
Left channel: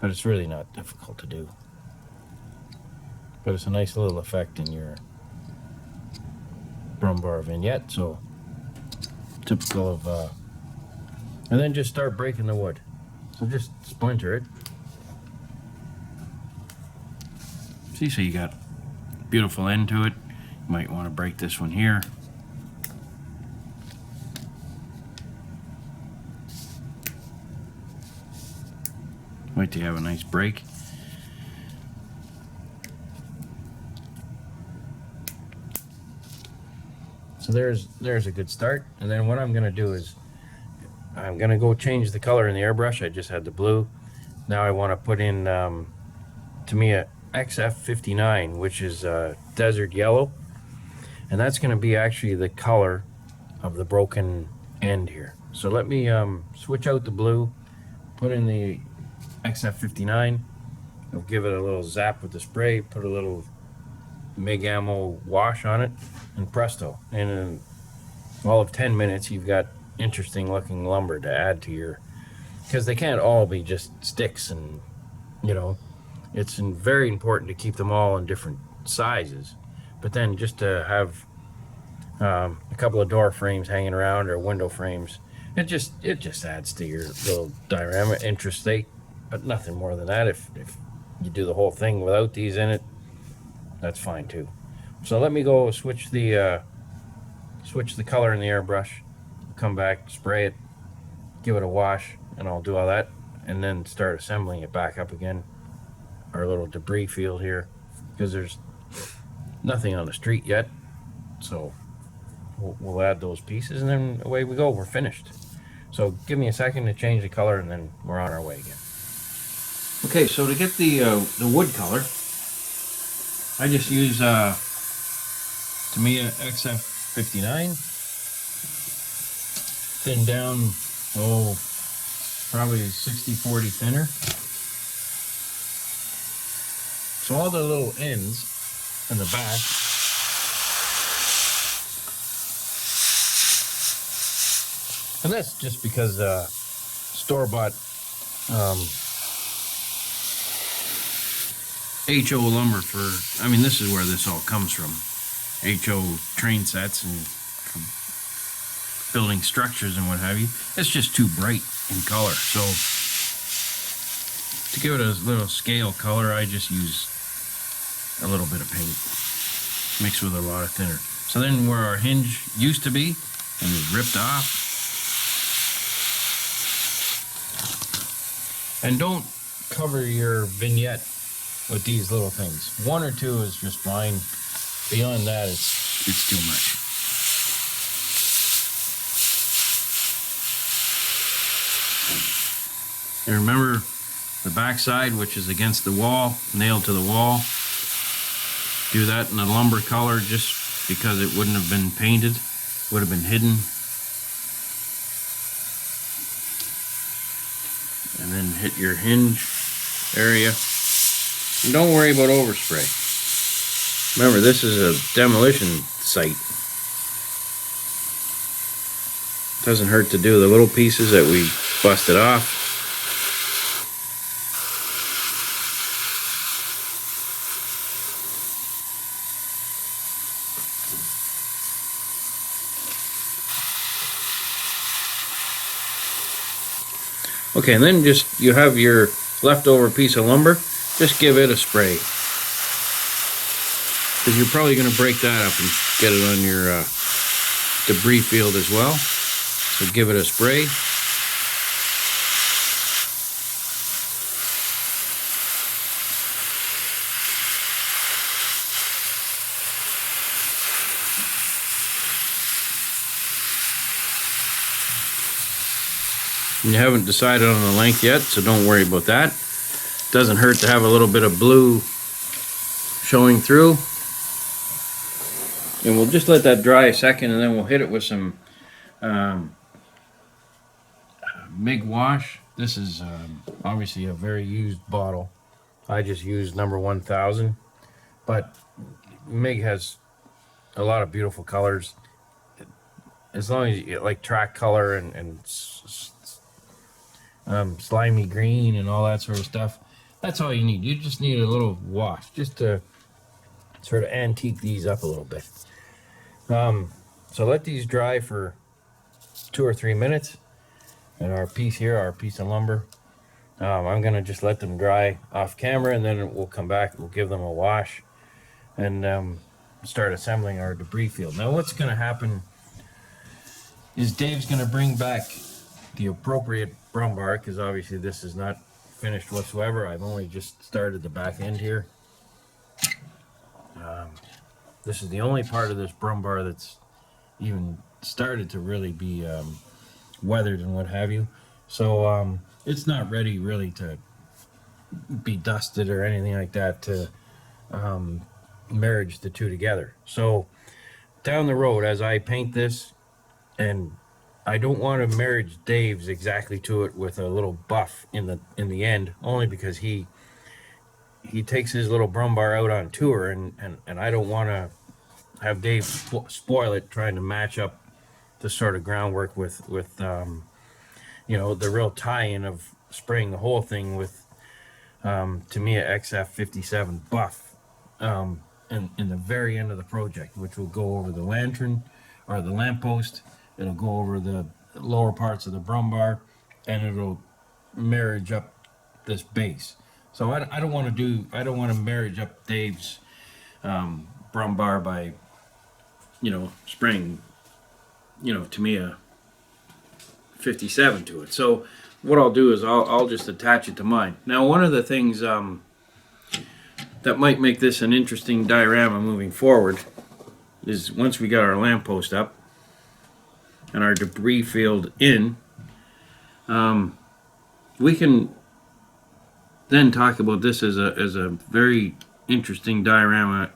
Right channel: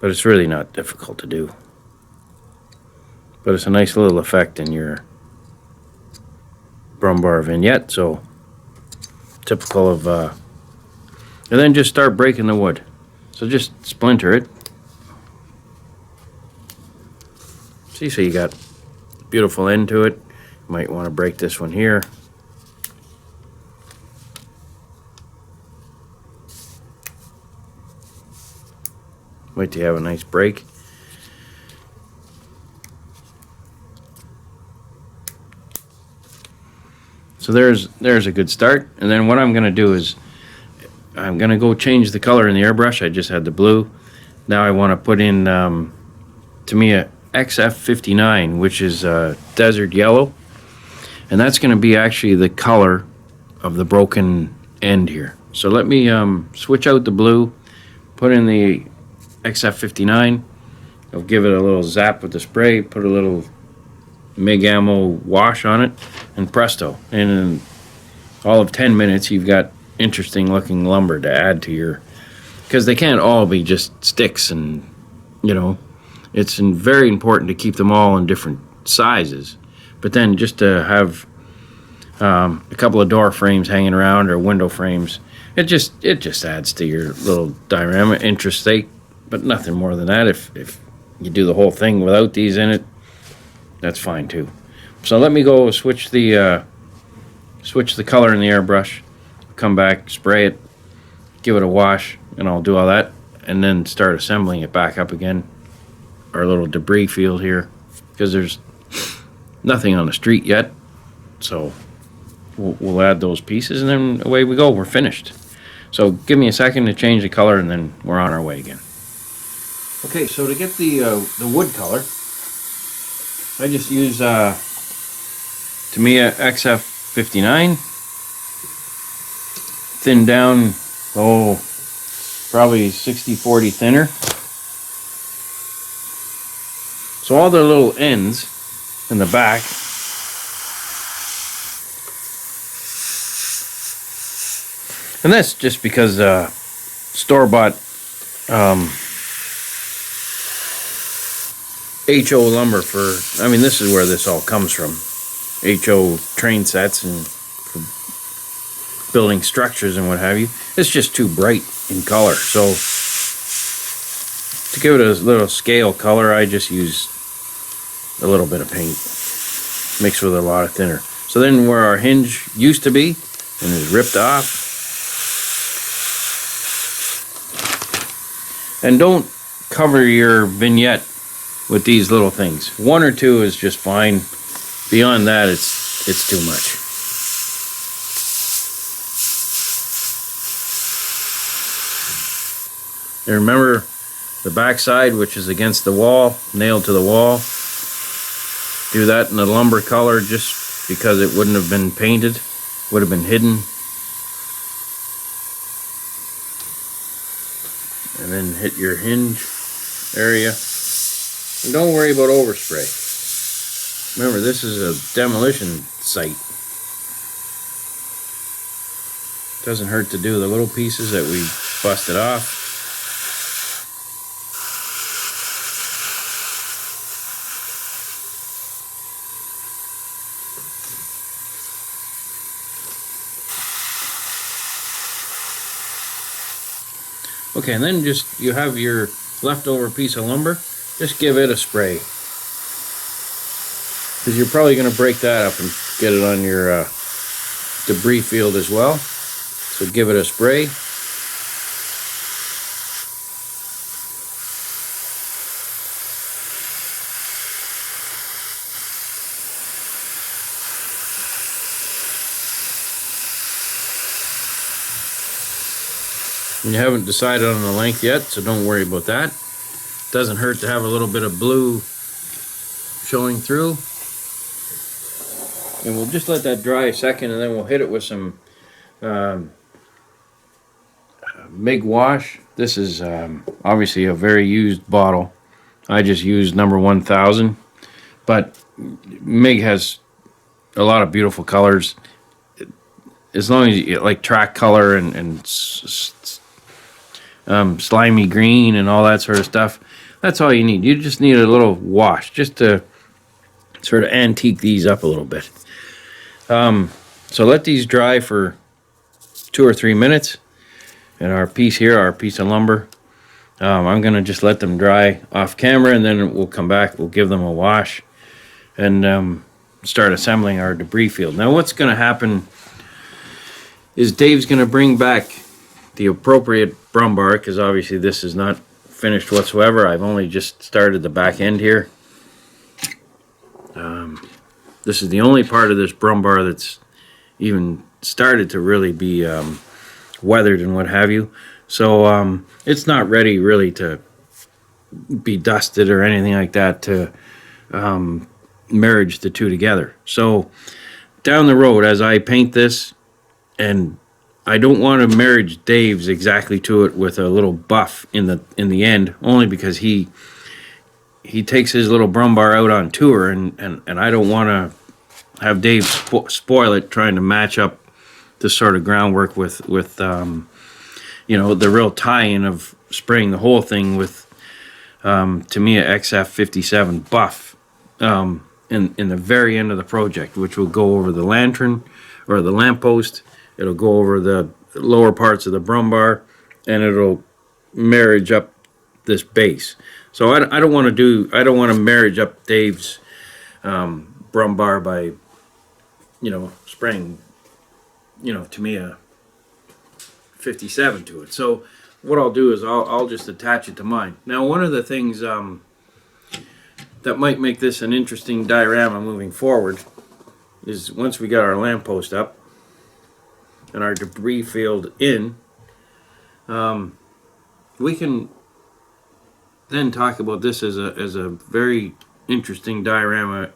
but it's really not difficult to do. But it's a nice little effect in your Brummbar vignette, so typical of, and then just start breaking the wood. So just splinter it. See, so you got a beautiful end to it. You might want to break this one here. Wait till you have a nice break. So there's a good start. And then what I'm going to do is I'm going to go change the color in the airbrush. I just had the blue. Now I want to put in Tamiya XF59, which is desert yellow. And that's going to be actually the color of the broken end here. So let me switch out the blue, put in the XF59. I'll give it a little zap with the spray, put a little MIG ammo wash on it, and presto, in all of 10 minutes you've got interesting looking lumber to add to your, because they can't all be just sticks, and it's very important to keep them all in different sizes. But then just to have a couple of door frames hanging around, or window frames, it just adds to your little diorama, interstate, but nothing more than that. If you do the whole thing without these in it, that's fine too. So let me go switch the color in the airbrush, come back, spray it, give it a wash, and I'll do all that, and then start assembling it back up again. Our little debris field here, because there's nothing on the street yet, so we'll add those pieces, and then away we go. We're finished. So give me a second to change the color, and then we're on our way again. Okay, so to get the wood color, I just use Tamiya XF59, thin down, probably 60-40 thinner. So all the little ends in the back, and that's just because store-bought HO lumber this is where this all comes from. HO train sets and for building structures and what have you. It's just too bright in color. So to give it a little scale color, I just use a little bit of paint mixed with a lot of thinner. So So then where our hinge used to be and is ripped off. And don't cover your vignette with these little things. 1 or 2 is just fine. Beyond that, it's too much. And remember the back side, which is against the wall, nailed to the wall. Do that in the lumber color just because it wouldn't have been painted, would have been hidden. And then hit your hinge area. And don't worry about overspray. Remember, this is a demolition site. Doesn't hurt to do the little pieces that we busted off. Okay, and then just, you have your leftover piece of lumber, just give it a spray. Because you're probably going to break that up and get it on your debris field as well. So give it a spray. And you haven't decided on the length yet, so don't worry about that. Doesn't hurt to have a little bit of blue showing through. And we'll just let that dry a second, and then we'll hit it with some MIG wash. This is obviously a very used bottle. I just used number 1000, but MIG has a lot of beautiful colors. As long as you like track color and slimy green and all that sort of stuff, that's all you need. You just need a little wash just to sort of antique these up a little bit. So let these dry for 2 or 3 minutes. And our piece here, our piece of lumber, I'm gonna just let them dry off camera, and then we'll come back, we'll give them a wash, and start assembling our debris field. Now what's gonna happen is Dave's gonna bring back the appropriate Brummbar, because obviously this is not finished whatsoever. I've only just started the back end here. This is the only part of this Brummbar that's even started to really be weathered and what have you. So it's not ready really to be dusted or anything like that to merge the two together. So down the road, as I paint this, and I don't want to marriage Dave's exactly to it with a little buff in the end, only because he takes his little Brummbar out on tour, and I don't want to have Dave spoil it trying to match up this sort of groundwork with you know, the real tie-in of spraying the whole thing with Tamiya XF57 buff in the very end of the project, which will go over the lantern or the lamppost. It'll go over the lower parts of the Brummbar, and it'll marriage up this base. So I don't want to marriage up Dave's Brummbar by, you know, spraying, you know, Tamiya 57 to it. So what I'll do is I'll just attach it to mine. Now one of the things that might make this an interesting diorama moving forward is once we got our lamppost up and our debris field in, we can then talk about this as a very interesting diorama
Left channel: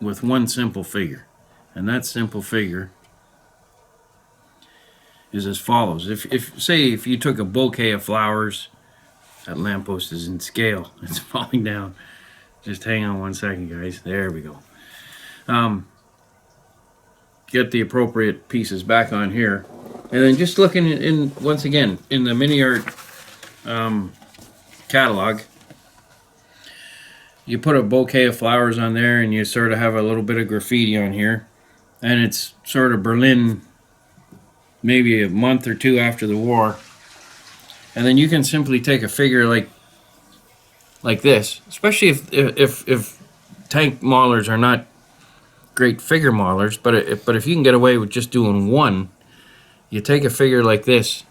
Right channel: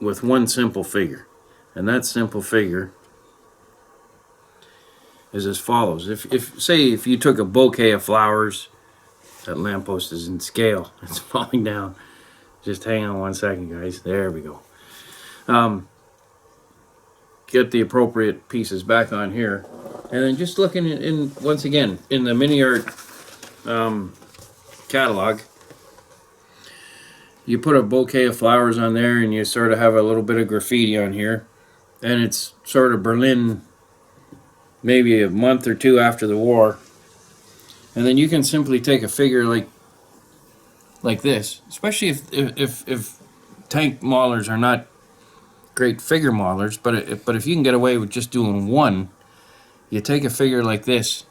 with one simple figure. And that simple figure is as follows. If you took a bouquet of flowers, that lamppost is in scale. It's falling down. Just hang on one second, guys. There we go. Get the appropriate pieces back on here, and then just looking in once again in the Mini Art catalog. You put a bouquet of flowers on there, and you sort of have a little bit of graffiti on here, and it's sort of Berlin, maybe a month or two after the war. And then you can simply take a figure like this, especially if tank maulers are not great figure modelers, but if you can get away with just doing one, you take a figure like this,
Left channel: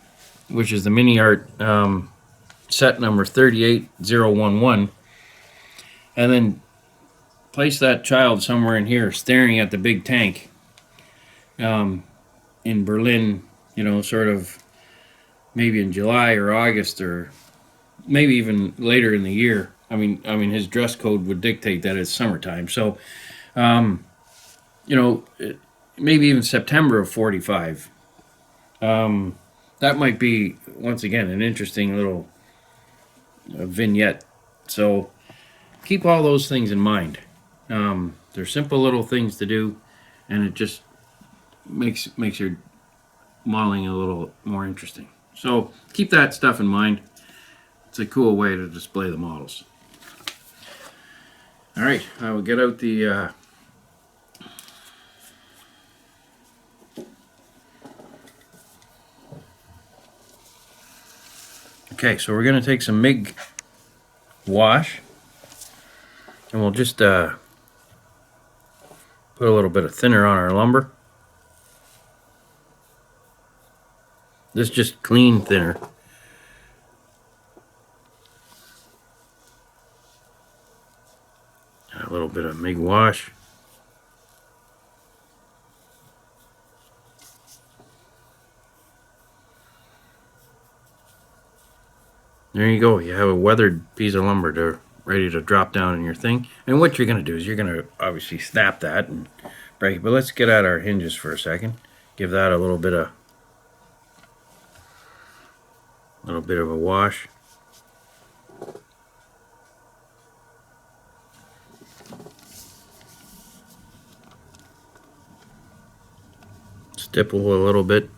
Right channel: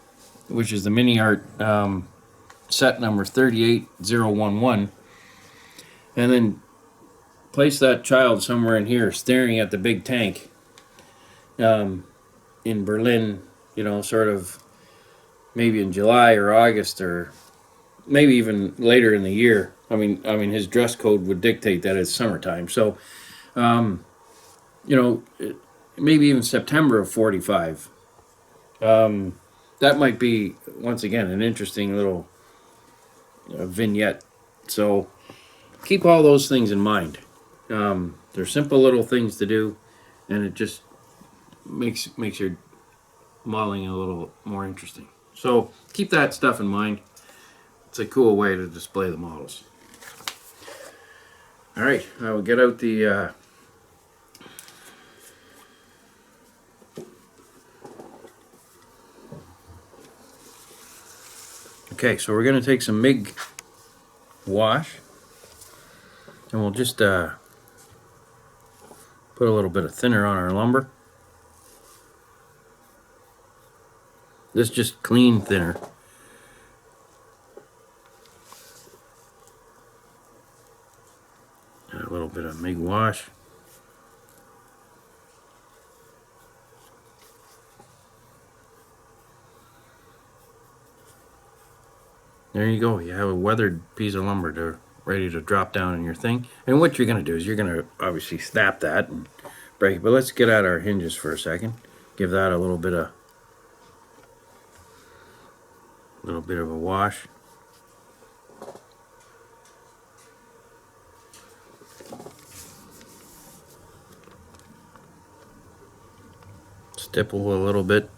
which is the Mini Art set number 38011, and then place that child somewhere in here staring at the big tank in Berlin, you know, sort of maybe in July or August or maybe even later in the year. I mean his dress code would dictate that it's summertime. So, you know, maybe even September of 45. That might be, once again, an interesting little vignette. So keep all those things in mind. They're simple little things to do, and it just makes your modeling a little more interesting. So keep that stuff in mind. It's a cool way to display the models. All right, I will get out the okay, so we're going to take some MIG wash, and we'll just put a little bit of thinner on our lumber. This is just clean thinner. And a little bit of MIG wash. There you go. You have a weathered piece of lumber ready to drop down in your thing. And what you're going to do is you're going to obviously snap that and break it. But let's get at our hinges for a second. Give that a little bit of a wash. Stipple a little bit.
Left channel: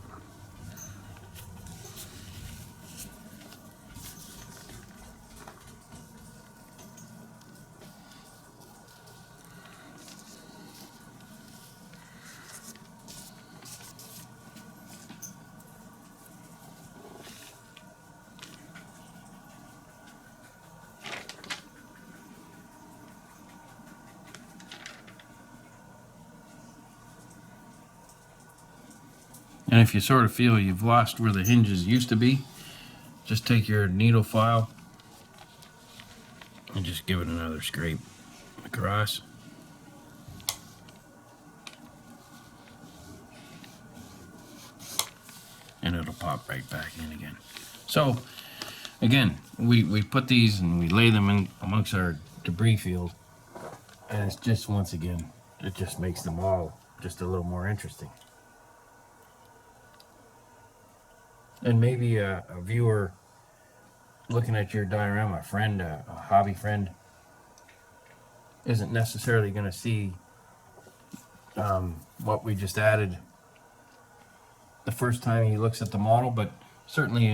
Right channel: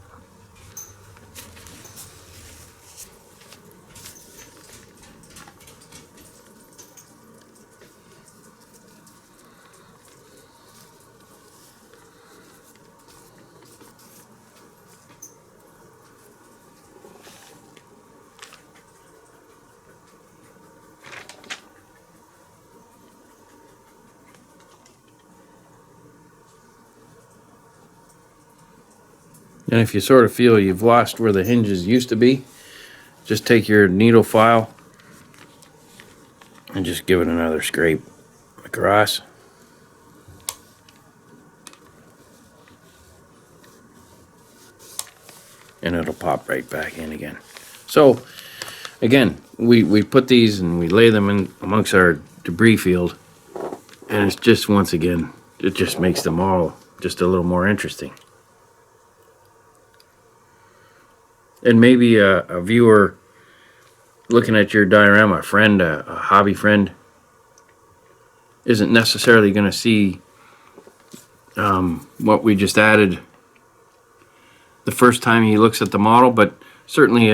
And if you sort of feel you've lost where the hinges used to be, just take your needle file and just give it another scrape across. And it'll pop right back in again. So again, we put these and we lay them in amongst our debris field, and it's just, once again, it just makes them all just a little more interesting. And maybe a viewer looking at your diorama, a friend, a hobby friend, isn't necessarily going to see what we just added the first time he looks at the model, but certainly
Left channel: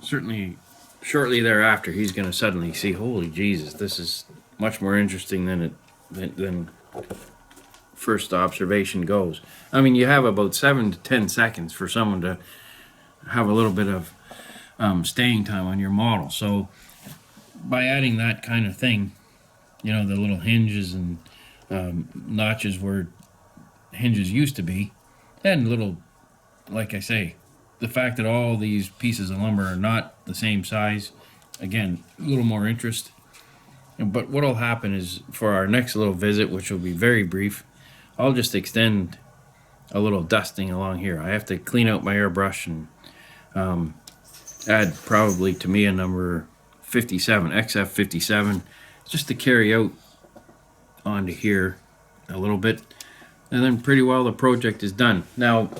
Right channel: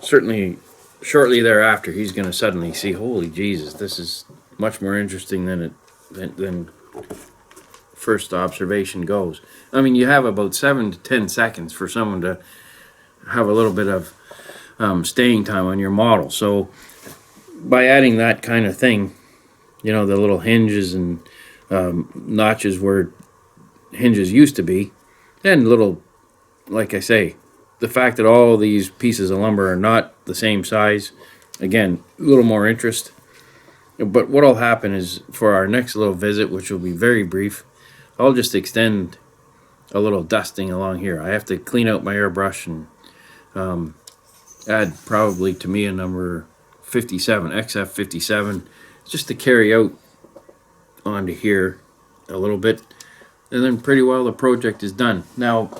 certainly shortly thereafter, he's going to suddenly see, holy Jesus, this is much more interesting than first observation goes. I mean, you have about 7 to 10 seconds for someone to have a little bit of staying time on your model. So by adding that kind of thing, you know, the little hinges and notches where hinges used to be, and little, like I say, the fact that all these pieces of lumber are not the same size, again, a little more interest. But what'll happen is, for our next little visit, which will be very brief, I'll just extend a little dusting along here. I have to clean out my airbrush and add probably to me a number 57, XF57, just to carry out onto here a little bit. And then pretty well the project is done. Now,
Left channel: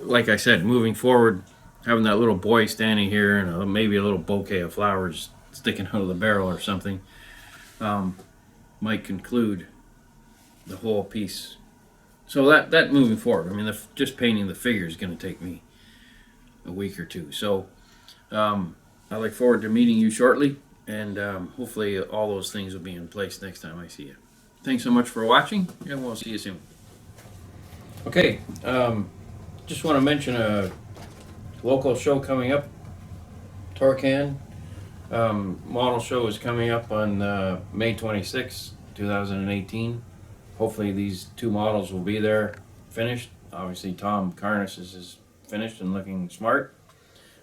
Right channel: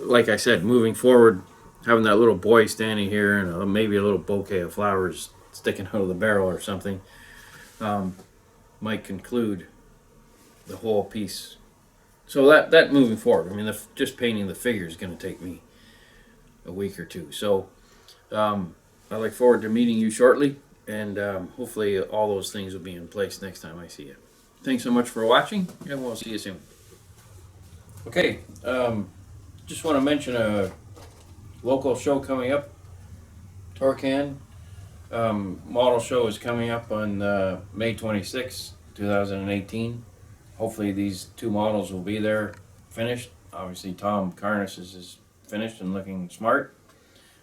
like I said, moving forward, having that little boy standing here and maybe a little bouquet of flowers sticking out of the barrel or something might conclude the whole piece. So that moving forward, I mean, just painting the figure is going to take me a week or two. So I look forward to meeting you shortly, and hopefully all those things will be in place next time I see you. Thanks so much for watching, and we'll see you soon. Okay, just want to mention a local show coming up. Torcan model show is coming up on May 26th 2018. Hopefully these two models will be there finished. Obviously Tom Carnes is finished and looking smart.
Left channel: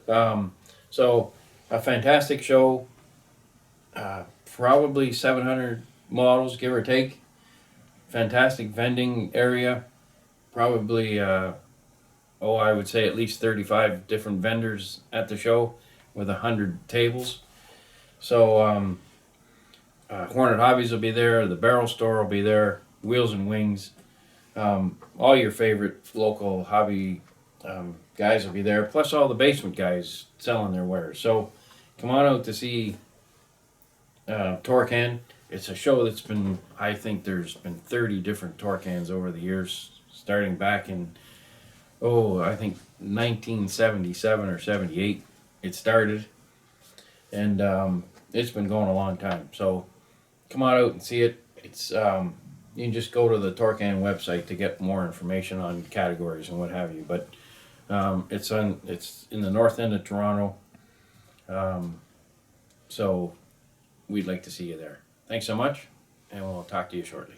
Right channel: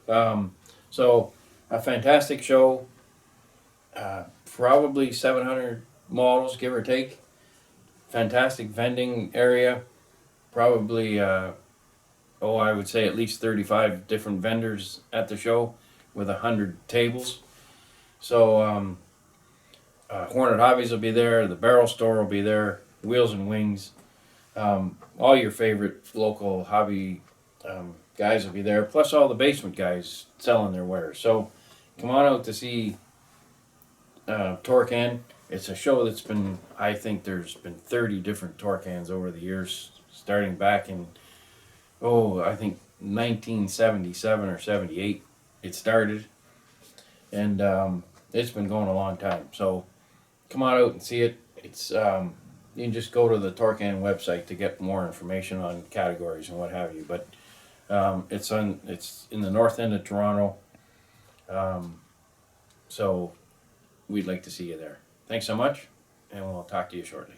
So a fantastic show. Probably 700 models, give or take. Fantastic vending area. Probably, I would say at least 35 different vendors at the show with 100 tables. So Hornet Hobbies will be there. The Barrel Store will be there. Wheels and Wings. All your favorite local hobby guys will be there. Plus all the basement guys selling their wares. So come on out to see Torcan. It's a show that's been, I think there's been 30 different Torcans over the years, starting back in, I think 1977 or 78 it started. And it's been going a long time. So come on out and see it. It's you can just go to the Torcan website to get more information on categories and what have you. But it's in the north end of Toronto. So we'd like to see you there. Thanks so much, and we'll talk to you shortly.